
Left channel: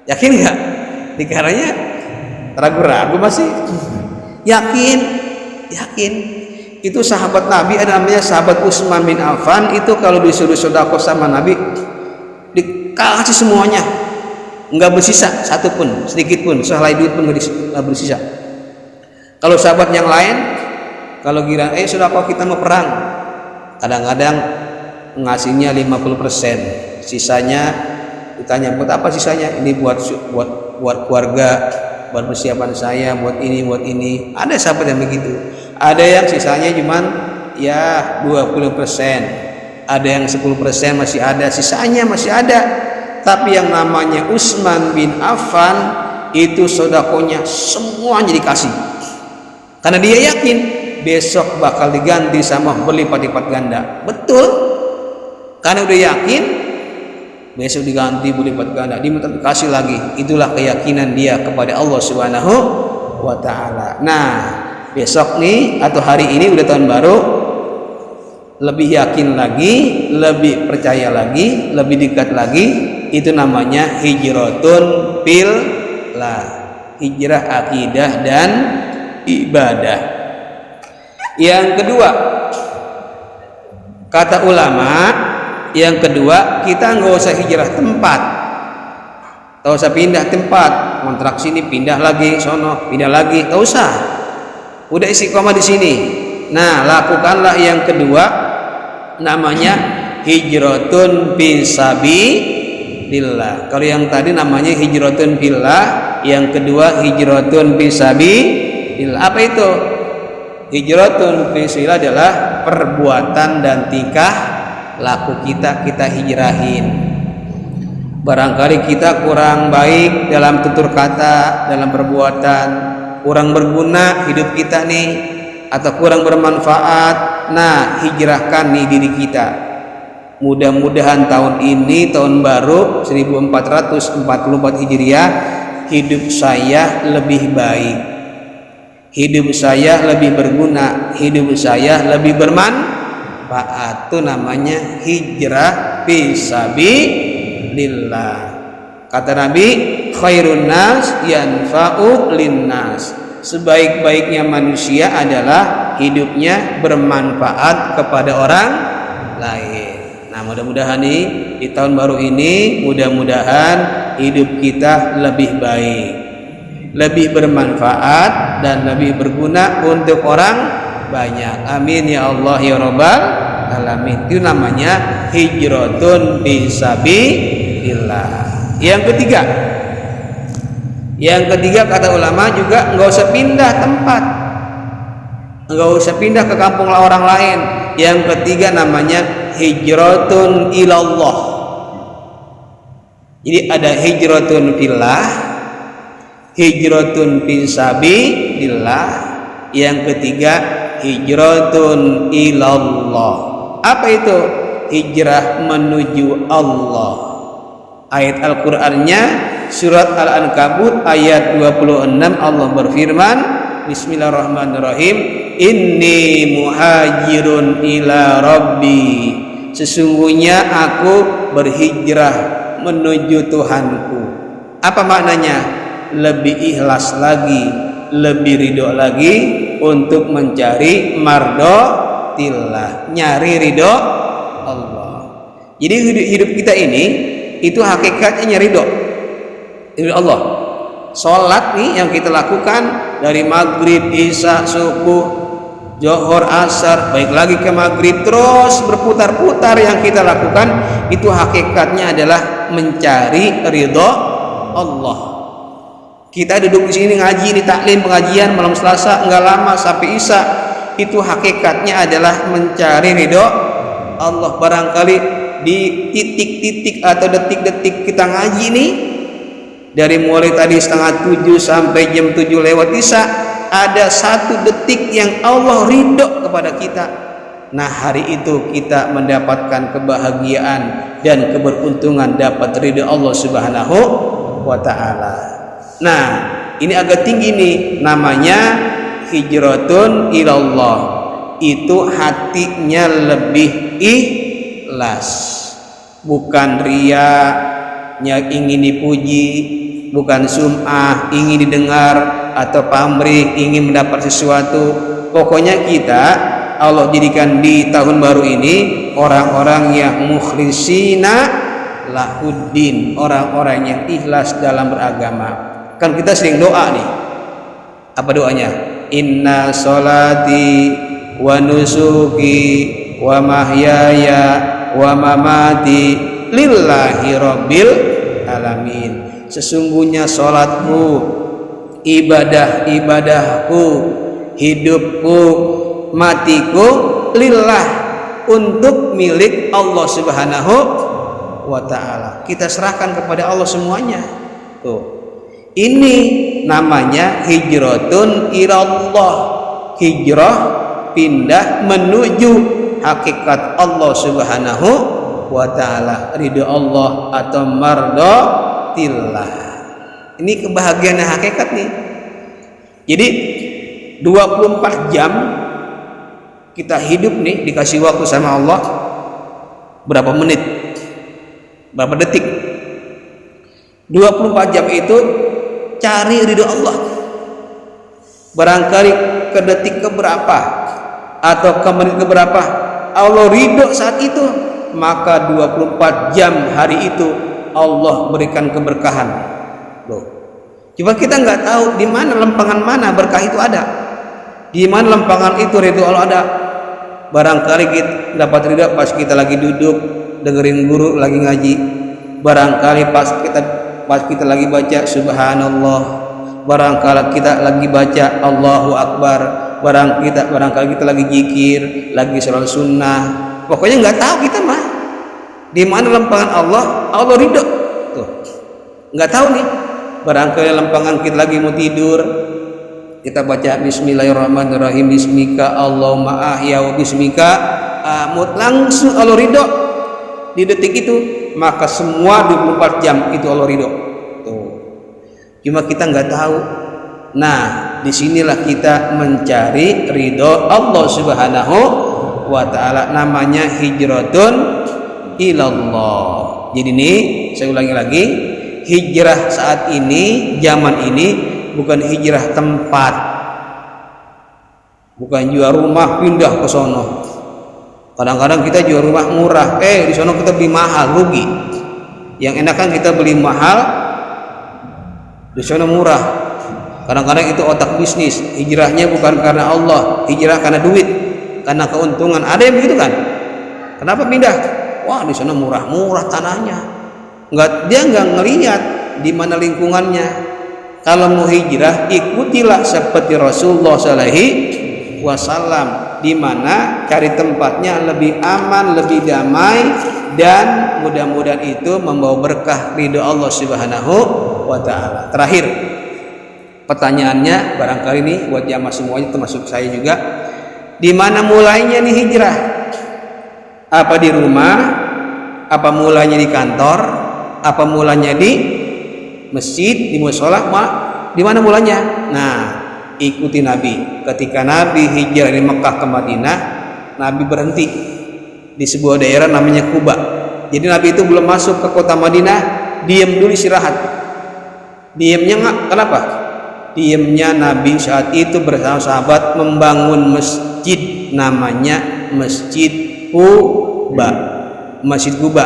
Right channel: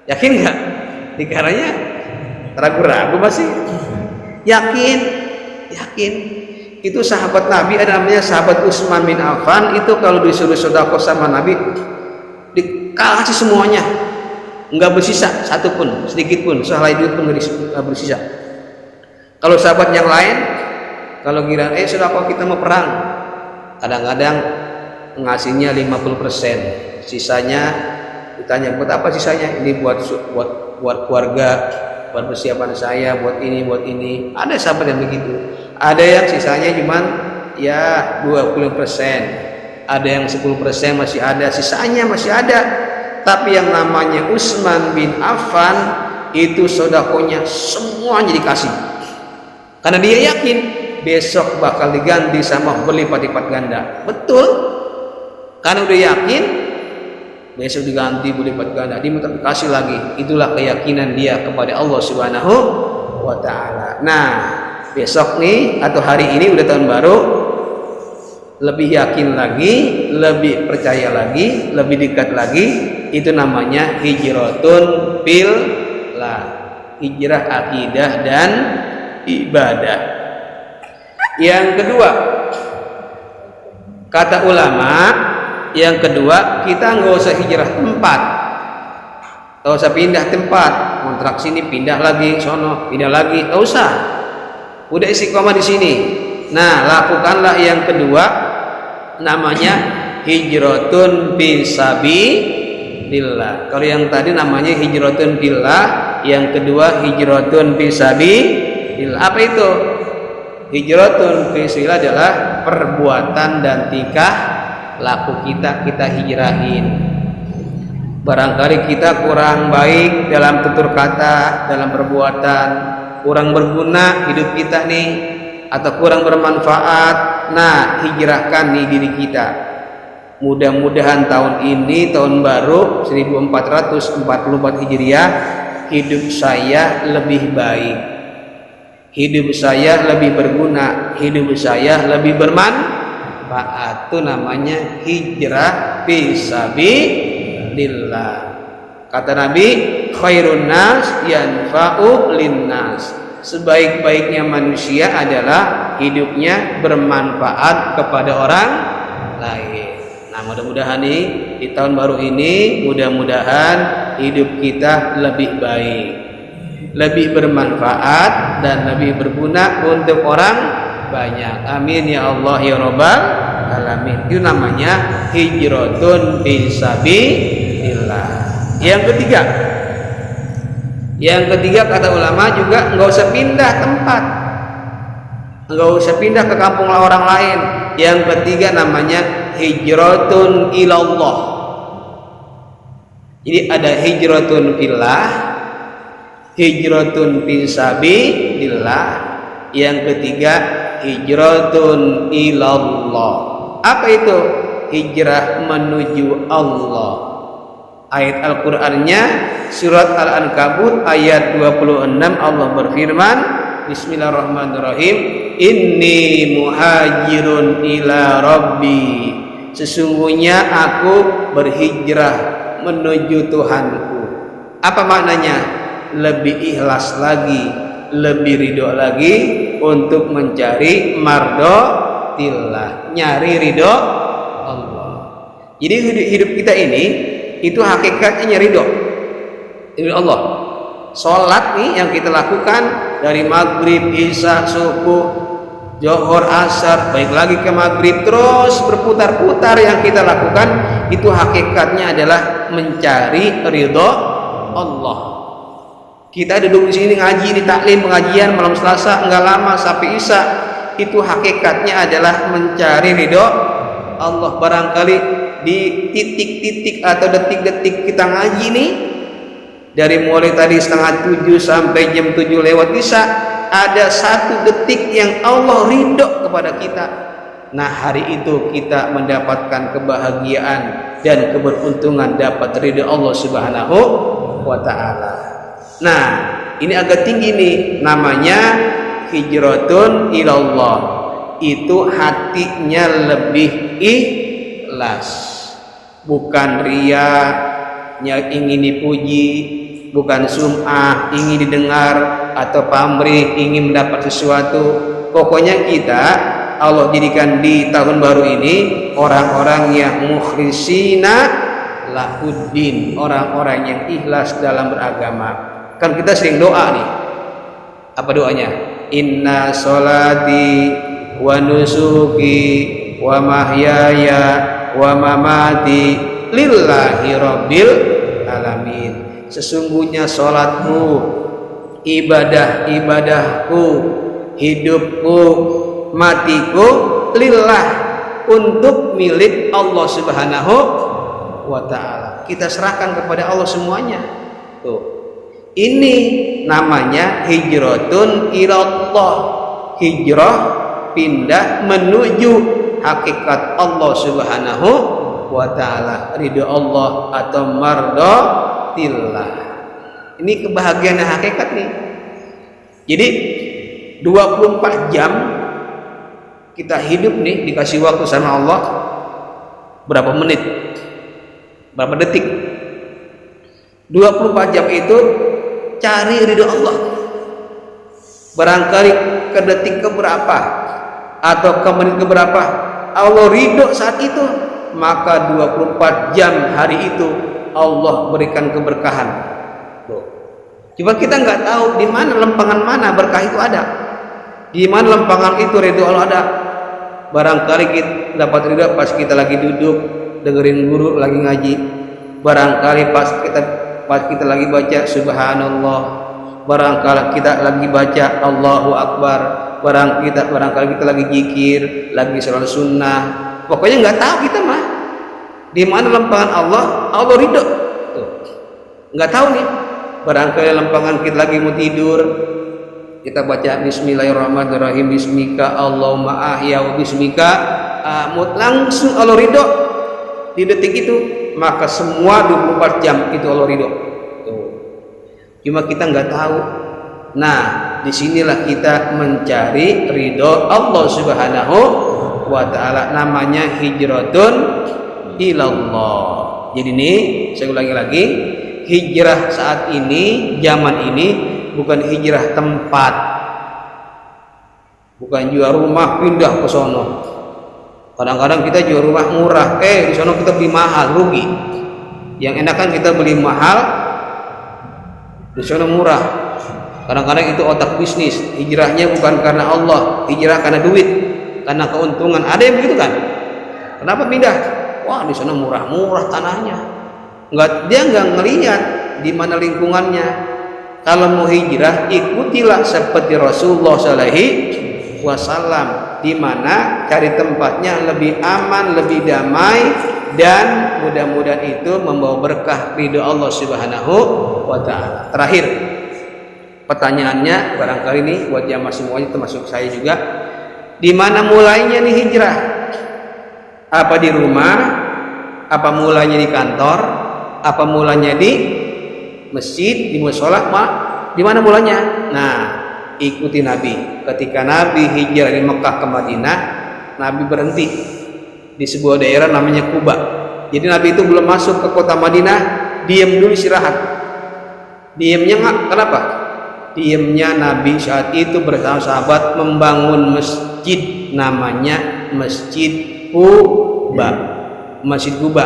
Yakin nggak? Dikaranya ragu-ragu masih. Yakin. Itu sahabat Nabi, ada namanya sahabat Utsman bin Affan. Itu kalau disuruh sedekah sama Nabi, dikasih semuanya, nggak bersisa satu pun, sedikit pun, sehelai duit pun nggak bersisa. Kalau sahabat yang lain, kalau kira sedekah kita mau perang, kadang-kadang ngasihnya 50%, sisanya ditanya buat apa sisanya? Ini buat keluarga, buat persiapan saya, buat ini. Ada sahabat yang begitu. Ada yang sisanya cuman ya 20%, ada yang 10% masih ada, sisanya masih ada. Tapi yang namanya Utsman bin Affan itu sedekahnya semuanya dikasih, karena dia yakin besok bakal diganti sama berlipat-lipat ganda. Betul, karena udah yakin besok diganti berlipat ganda, diminta dikasih lagi. Itulah keyakinan dia kepada Allah Subhanahu wa Ta'ala. Nah, besok nih atau hari ini udah tahun baru, lebih yakin lagi, lebih percaya lagi, lebih dekat lagi. Itu namanya hijratun fillah, hijrah akidah dan ibadah. Yang kedua, kata ulama, yang kedua, kita nggak usah hijrah tempat, nggak usah pindah tempat, kontrak sini pindah lagi, sono pindah lagi, nggak usah. Udah istiqomah di sini. Nah, lakukanlah yang kedua, namanya hijratun fisabilillah. Kalau yang tadi namanya hijratun fillah, yang kedua hijratun fisabilillah. Apa itu? Hijratun fisabilillah adalah perbuatan dan tingkah laku kita hijrahin. Barangkali kita kurang baik dalam tutur kata, dalam perbuatan, kurang berguna hidup kita nih, atau kurang bermanfaat. Nah, hijrahkan nih diri kita. Mudah-mudahan tahun ini, tahun baru 1444 Hijriah, hidup saya lebih baik, hidup saya lebih berguna, hidup saya lebih bermanfaat. Itu namanya hijrah fisabilillah. Kata Nabi, khairun nas yanfa'u linnas. Sebaik-baiknya manusia adalah hidupnya bermanfaat kepada orang lain. Nah, mudah-mudahan nih di tahun baru ini, mudah-mudahan hidup kita lebih baik, lebih bermanfaat dan lebih berguna untuk orang banyak. Amin ya Allah ya Rabbal alamin. Itu namanya hijratun fisabilillah. Yang ketiga kata ulama juga nggak usah pindah tempat, nggak usah pindah ke kampung orang lain. Yang ketiga namanya hijratun ilallah. Jadi ada hijratun fillah, hijratun fisabilillah. Yang ketiga hijratun ilallah. Apa itu? Hijrah menuju Allah. Ayat Al-Qur'annya surat Al-Ankabut ayat 26, Allah berfirman, Bismillahirrahmanirrahim. Inni muhajirun ila Rabbi. Sesungguhnya aku berhijrah menuju Tuhanku. Apa maknanya? Lebih ikhlas lagi, lebih ridho lagi untuk mencari mardotillah, nyari ridho Allah. Jadi hidup kita ini itu hakikatnya nyari ridho Allah. Salat nih yang kita lakukan dari maghrib, isya, subuh, Zuhur, asar, baik lagi ke maghrib, terus berputar-putar yang kita lakukan itu hakikatnya adalah mencari ridho Allah. Kita duduk di sini ngaji di taklim pengajian malam Selasa enggak lama sampai isya, itu hakikatnya adalah mencari ridho Allah. Barangkali di titik-titik atau detik-detik kita ngaji nih, dari mulai tadi 6:30 sampai jam 7 lewat isya, ada 1 detik yang Allah ridho kepada kita. Nah, hari itu kita mendapatkan kebahagiaan dan keberuntungan dapat ridho Allah Subhanahu wa ta'ala. Nah, ini agak tinggi nih, namanya hijratun ilallah. Itu hatinya lebih ikhlas, bukan ria, ingin dipuji, bukan sum'ah, ingin didengar, atau pamrih, ingin mendapat sesuatu. Pokoknya kita Allah jadikan di tahun baru ini orang-orang yang mukhlisina lahuddin, orang-orang yang ikhlas dalam beragama. Kan kita sering doa nih. Apa doanya? Inna sholati wa nusuki wa mahyaya wa mamati lillahi rabbil alamin. Sesungguhnya sholatku, ibadah-ibadahku, hidupku, matiku lillah, untuk milik Allah Subhanahu wa ta'ala. Kita serahkan kepada Allah semuanya. Tuh. Ini namanya hijratun ilallah. Hijrah, pindah menuju hakikat Allah Subhanahu wa ta'ala, ridho Allah atau mardotillah. Ini kebahagiaan hakikat nih. Jadi 24 jam kita hidup nih, dikasih waktu sama Allah berapa menit, berapa detik. 24 jam itu cari ridho Allah. Barangkali ke detik keberapa atau ke menit keberapa Allah ridho saat itu, maka 24 jam hari itu Allah berikan keberkahan. Loh, coba kita nggak tahu di mana lempangan mana berkah itu ada, di mana lempangan itu ridho Allah ada. Barangkali kita dapat ridho pas kita lagi duduk dengerin guru lagi ngaji. Barangkali pas kita lagi baca subhanallah. Barangkali kita lagi baca Allahu Akbar. Barangkali kita lagi zikir, lagi salat sunnah. Pokoknya nggak tahu kita mah di mana lempangan Allah ridho. Tuh, nggak tahu nih. Barangkali lempangan kita lagi mau tidur, kita baca Bismillahirrahmanirrahim, Bismika Allahumma ahya wa bismika amut, langsung Allah ridho di detik itu. Maka semua 24 jam itu Allah ridho. Tuh. Cuma kita nggak tahu. Nah, disinilah kita mencari ridho Allah Subhanahu wa ta'ala, namanya hijratun ilallah. Jadi nih, saya ulangi lagi, hijrah saat ini, zaman ini bukan hijrah tempat, bukan jual rumah pindah ke sono. Kadang-kadang kita jual rumah murah, di sono kita beli mahal, rugi. Yang enak kan kita beli mahal, di sono murah. Kadang-kadang itu otak bisnis. Hijrahnya bukan karena Allah, hijrah karena duit, karena keuntungan. Ada yang begitu kan? Kenapa pindah? Wah, di sana murah-murah tanahnya. Dia nggak ngelihat di mana lingkungannya. Kalau mau hijrah, ikutilah seperti Rasulullah SAW, di mana cari tempatnya lebih aman, lebih damai, dan mudah-mudahan itu membawa berkah ridho Allah Subhanahu wa ta'ala. Terakhir, pertanyaannya barangkali nih buat jamaah semuanya, termasuk saya juga, di mana mulainya nih hijrah? Apa di rumah? Apa mulanya di kantor? Apa mulanya di masjid, di mushola? Di mana mulanya? Nah, ikuti Nabi. Ketika Nabi hijrah dari Mekah ke Madinah, Nabi berhenti di sebuah daerah namanya Quba. Jadi Nabi itu belum masuk ke kota Madinah, diam dulu istirahat. Diamnya nggak, kenapa? Diamnya Nabi saat itu bersama sahabat membangun masjid namanya Masjid Quba. Masjid Quba.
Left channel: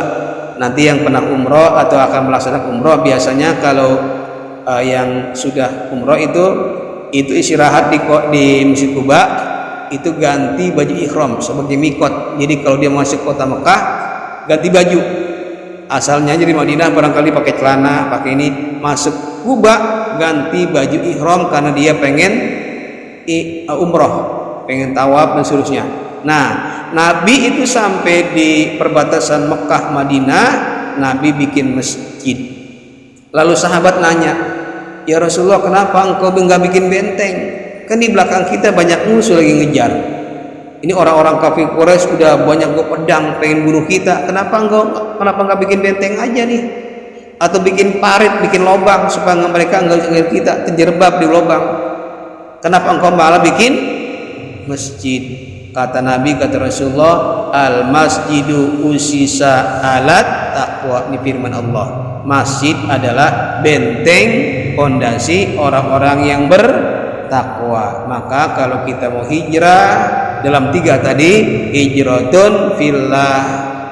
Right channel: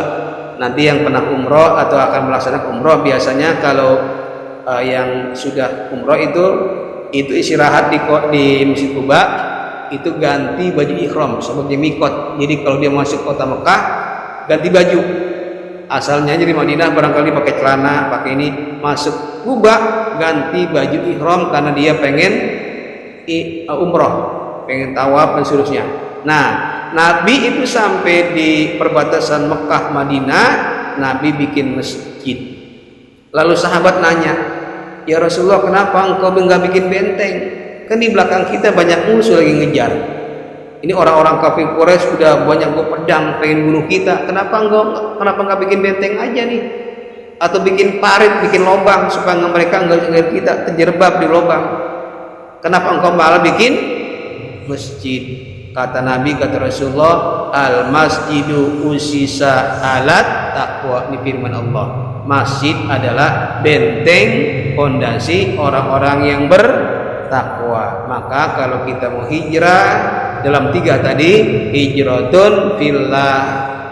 Nanti yang pernah umroh atau akan melaksanakan umroh biasanya kalau yang sudah umroh itu istirahat di Masjid Quba, itu ganti baju ihram sebagai mikot. Jadi kalau dia masuk kota Mekah ganti baju, asalnya dari Madinah barangkali pakai celana, pakai ini, masuk Quba ganti baju ihram karena dia pengen umroh, pengen tawaf dan seterusnya. Nah, Nabi itu sampai di perbatasan Mekah Madinah, Nabi bikin masjid. Lalu sahabat nanya, ya Rasulullah, kenapa engkau enggak bikin benteng? Kan di belakang kita banyak musuh lagi ngejar. Ini orang-orang kafir Quraisy sudah banyak gue pedang pengen bunuh kita. Kenapa enggak bikin benteng aja nih? Atau bikin parit, bikin lubang supaya mereka enggak ngelihat kita terjerembab di lubang. Kenapa engkau malah bikin masjid? Kata Nabi, kata Rasulullah, al masjidu usisa alat taqwa. Ini firman Allah. Masjid adalah benteng, fondasi orang-orang yang bertakwa. Maka kalau kita mau hijrah dalam 3 tadi, hijratun fillah,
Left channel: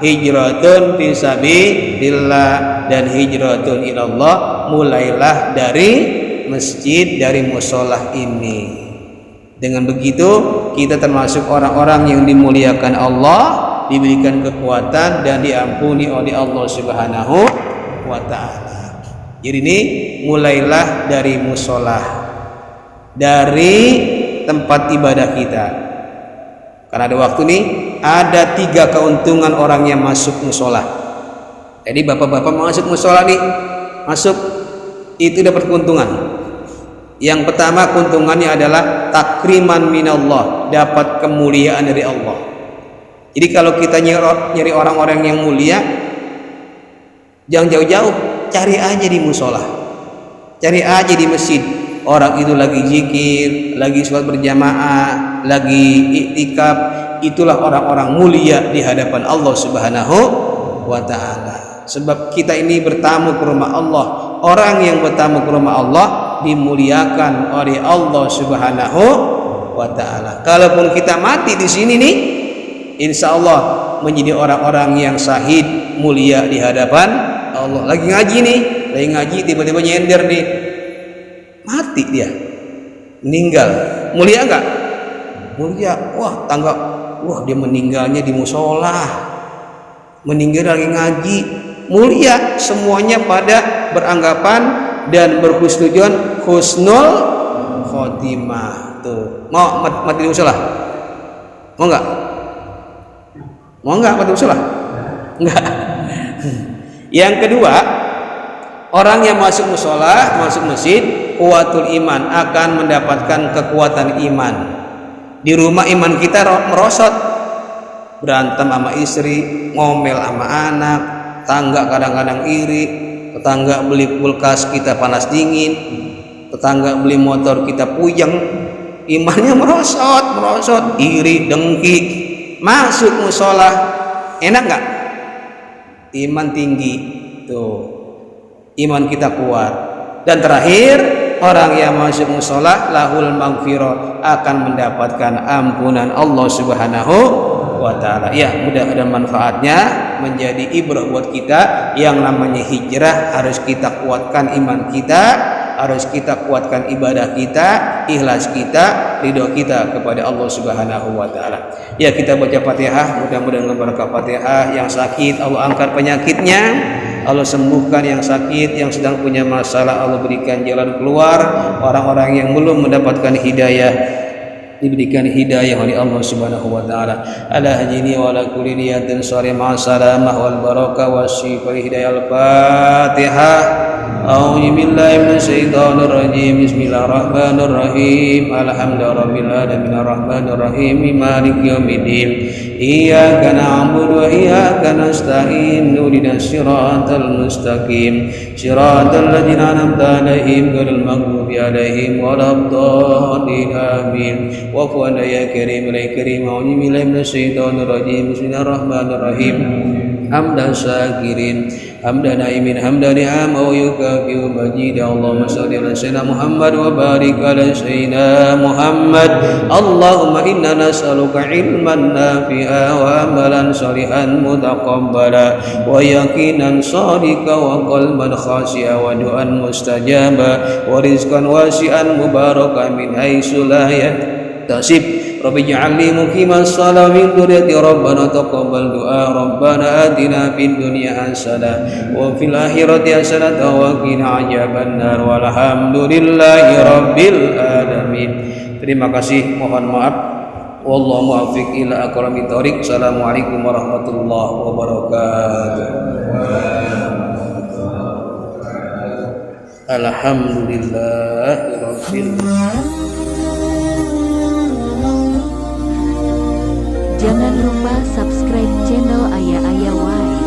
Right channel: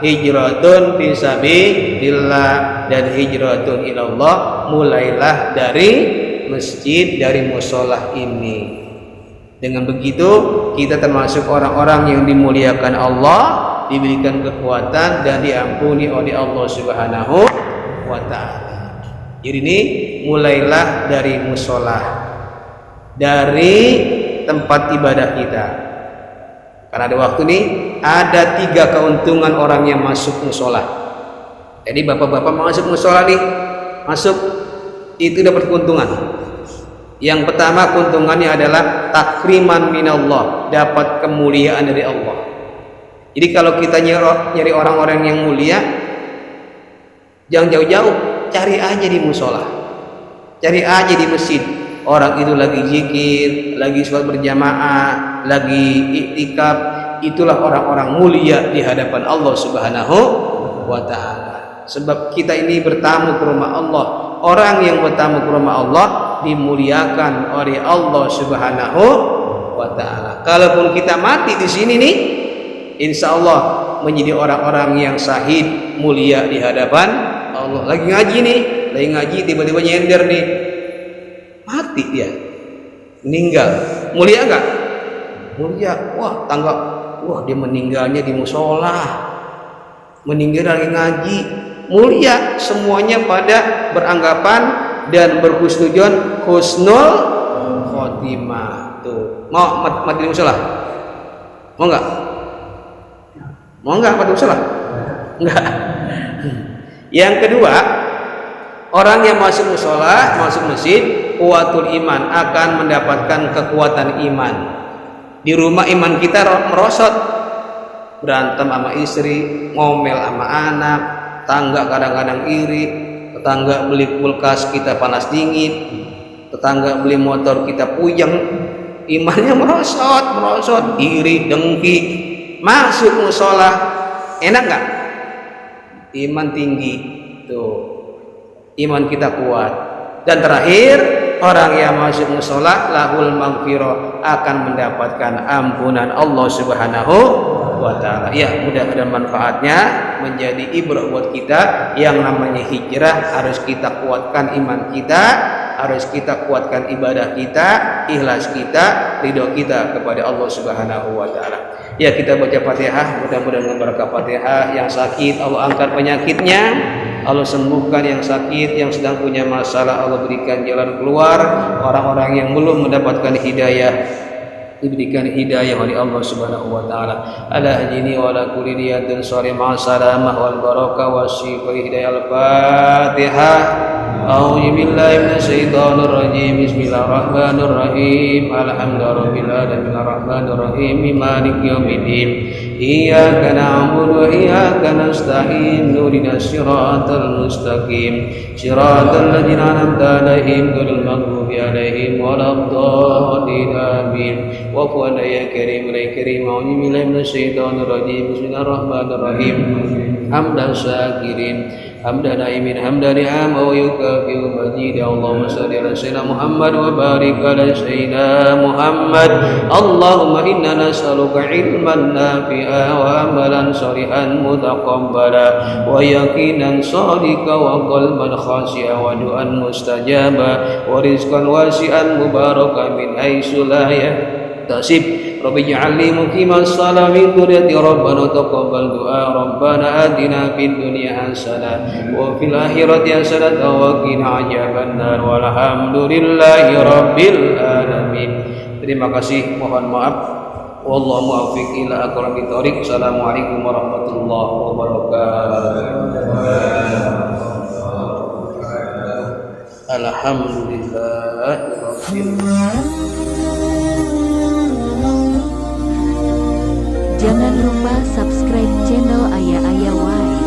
hijratun fisabilillah, dan hijratun ilallah, mulailah dari masjid, dari musholah ini. Dengan begitu kita termasuk orang-orang yang dimuliakan Allah, diberikan kekuatan dan diampuni oleh Allah Subhanahu wa ta'ala. Jadi ini mulailah dari musholah, dari tempat ibadah kita. Karena ada waktu nih, ada 3 keuntungan orang yang masuk musholah. Jadi bapak-bapak masuk musholah nih, masuk itu dapat keuntungan. Yang pertama keuntungannya adalah takriman minallah, dapat kemuliaan dari Allah. Jadi kalau kita nyari orang-orang yang mulia, jangan jauh-jauh, cari aja di musola, cari aja di masjid. Orang itu lagi zikir, lagi sholat berjamaah, lagi iktikaf, itulah orang-orang mulia di hadapan Allah Subhanahu wa ta'ala. Sebab kita ini bertamu ke rumah Allah. Orang yang bertamu ke rumah Allah dimuliakan oleh Allah Subhanahu wa ta'ala. Kalaupun kita mati di sini nih, insya Allah menjadi orang-orang yang syahid, mulia di hadapan Allah. Lagi ngaji nih, lagi ngaji tiba-tiba nyender nih, mati dia, meninggal, mulia enggak? Mulia. Wah, dia meninggalnya di musola, meninggal lagi ngaji, mulia. Semuanya pada beranggapan dan berhusnudzon husnul khotimah. Tuh, mau mati di musola? Mau enggak? Mau enggak mati di musola? Enggak. Yang kedua, orang yang masuk musola, masuk masjid, kuwatul iman, akan mendapatkan kekuatan iman. Di rumah iman kita merosot, berantem sama istri, ngomel sama anak, tetangga kadang-kadang iri, tetangga beli kulkas kita panas dingin, tetangga beli motor kita puyeng, imannya merosot, iri, dengki. Masuk musola, enak nggak? Iman tinggi, tuh, iman kita kuat. Dan terakhir, orang yang masuk musola lahul maghfirah, akan mendapatkan ampunan Allah Subhanahu wa ta'ala. Ya, mudah-mudahan manfaatnya menjadi ibrah buat kita. Yang namanya hijrah harus kita kuatkan iman kita, harus kita kuatkan ibadah kita, ikhlas kita, ridho kita kepada Allah Subhanahu wa ta'ala. Ya, kita baca Fatihah, mudah-mudahan berkah Fatihah. Yang sakit Allah angkat penyakitnya, Allah sembuhkan yang sakit, yang sedang punya masalah Allah berikan jalan keluar. Orang-orang yang belum mendapatkan hidayah diberikan hidayah oleh Allah Subhanahu wa ta'ala. Ala hajini wa ala kulli niyatin sari ma'asalamah wal barakah wa syifri hidayah al-Fatihah. أعوذ بالله من الشيطان الرجيم بسم الله الرحمن الرحيم الحمد لله رب العالمين الرحمن الرحيم مالك يوم الدين إياك نعبد وإياك نستعين اهدنا الصراط المستقيم صراط الذين أنعمت عليهم غير المغضوب عليهم ولا الضالين آمين واعف عنا يا كريم يا كريم أعوذ بالله من الشيطان الرجيم بسم الله الرحمن الرحيم حمدا شاكرين حمدا نائمين حمدا نعم ويكافئ مجيدا اللهم صل على سيدنا محمد وبارك على سيدنا محمد اللهم إنا نسألك علما نافعا وعملا صالحا متقبلا ويقينا صادقا وقلبا خاشعا ودعاء مستجابا ورزقا واسعا مباركا من حيث لا يحتسب رب اجعلني مقيم الصلاة من ذريتي ربنا تقبل دعاء ربنا آتنا في الدنيا حسنة وفي الآخرة حسنة وقنا عذاب النار والحمد لله رب العالمين. Terima kasih, mohon maaf. Wallahu muwaffiq ila aqwamit thoriq. Assalamualaikum warahmatullahi wabarakatuh. Alhamdulillahirabbil alamin. Jangan lupa subscribe channel Ayah Ayah Wai.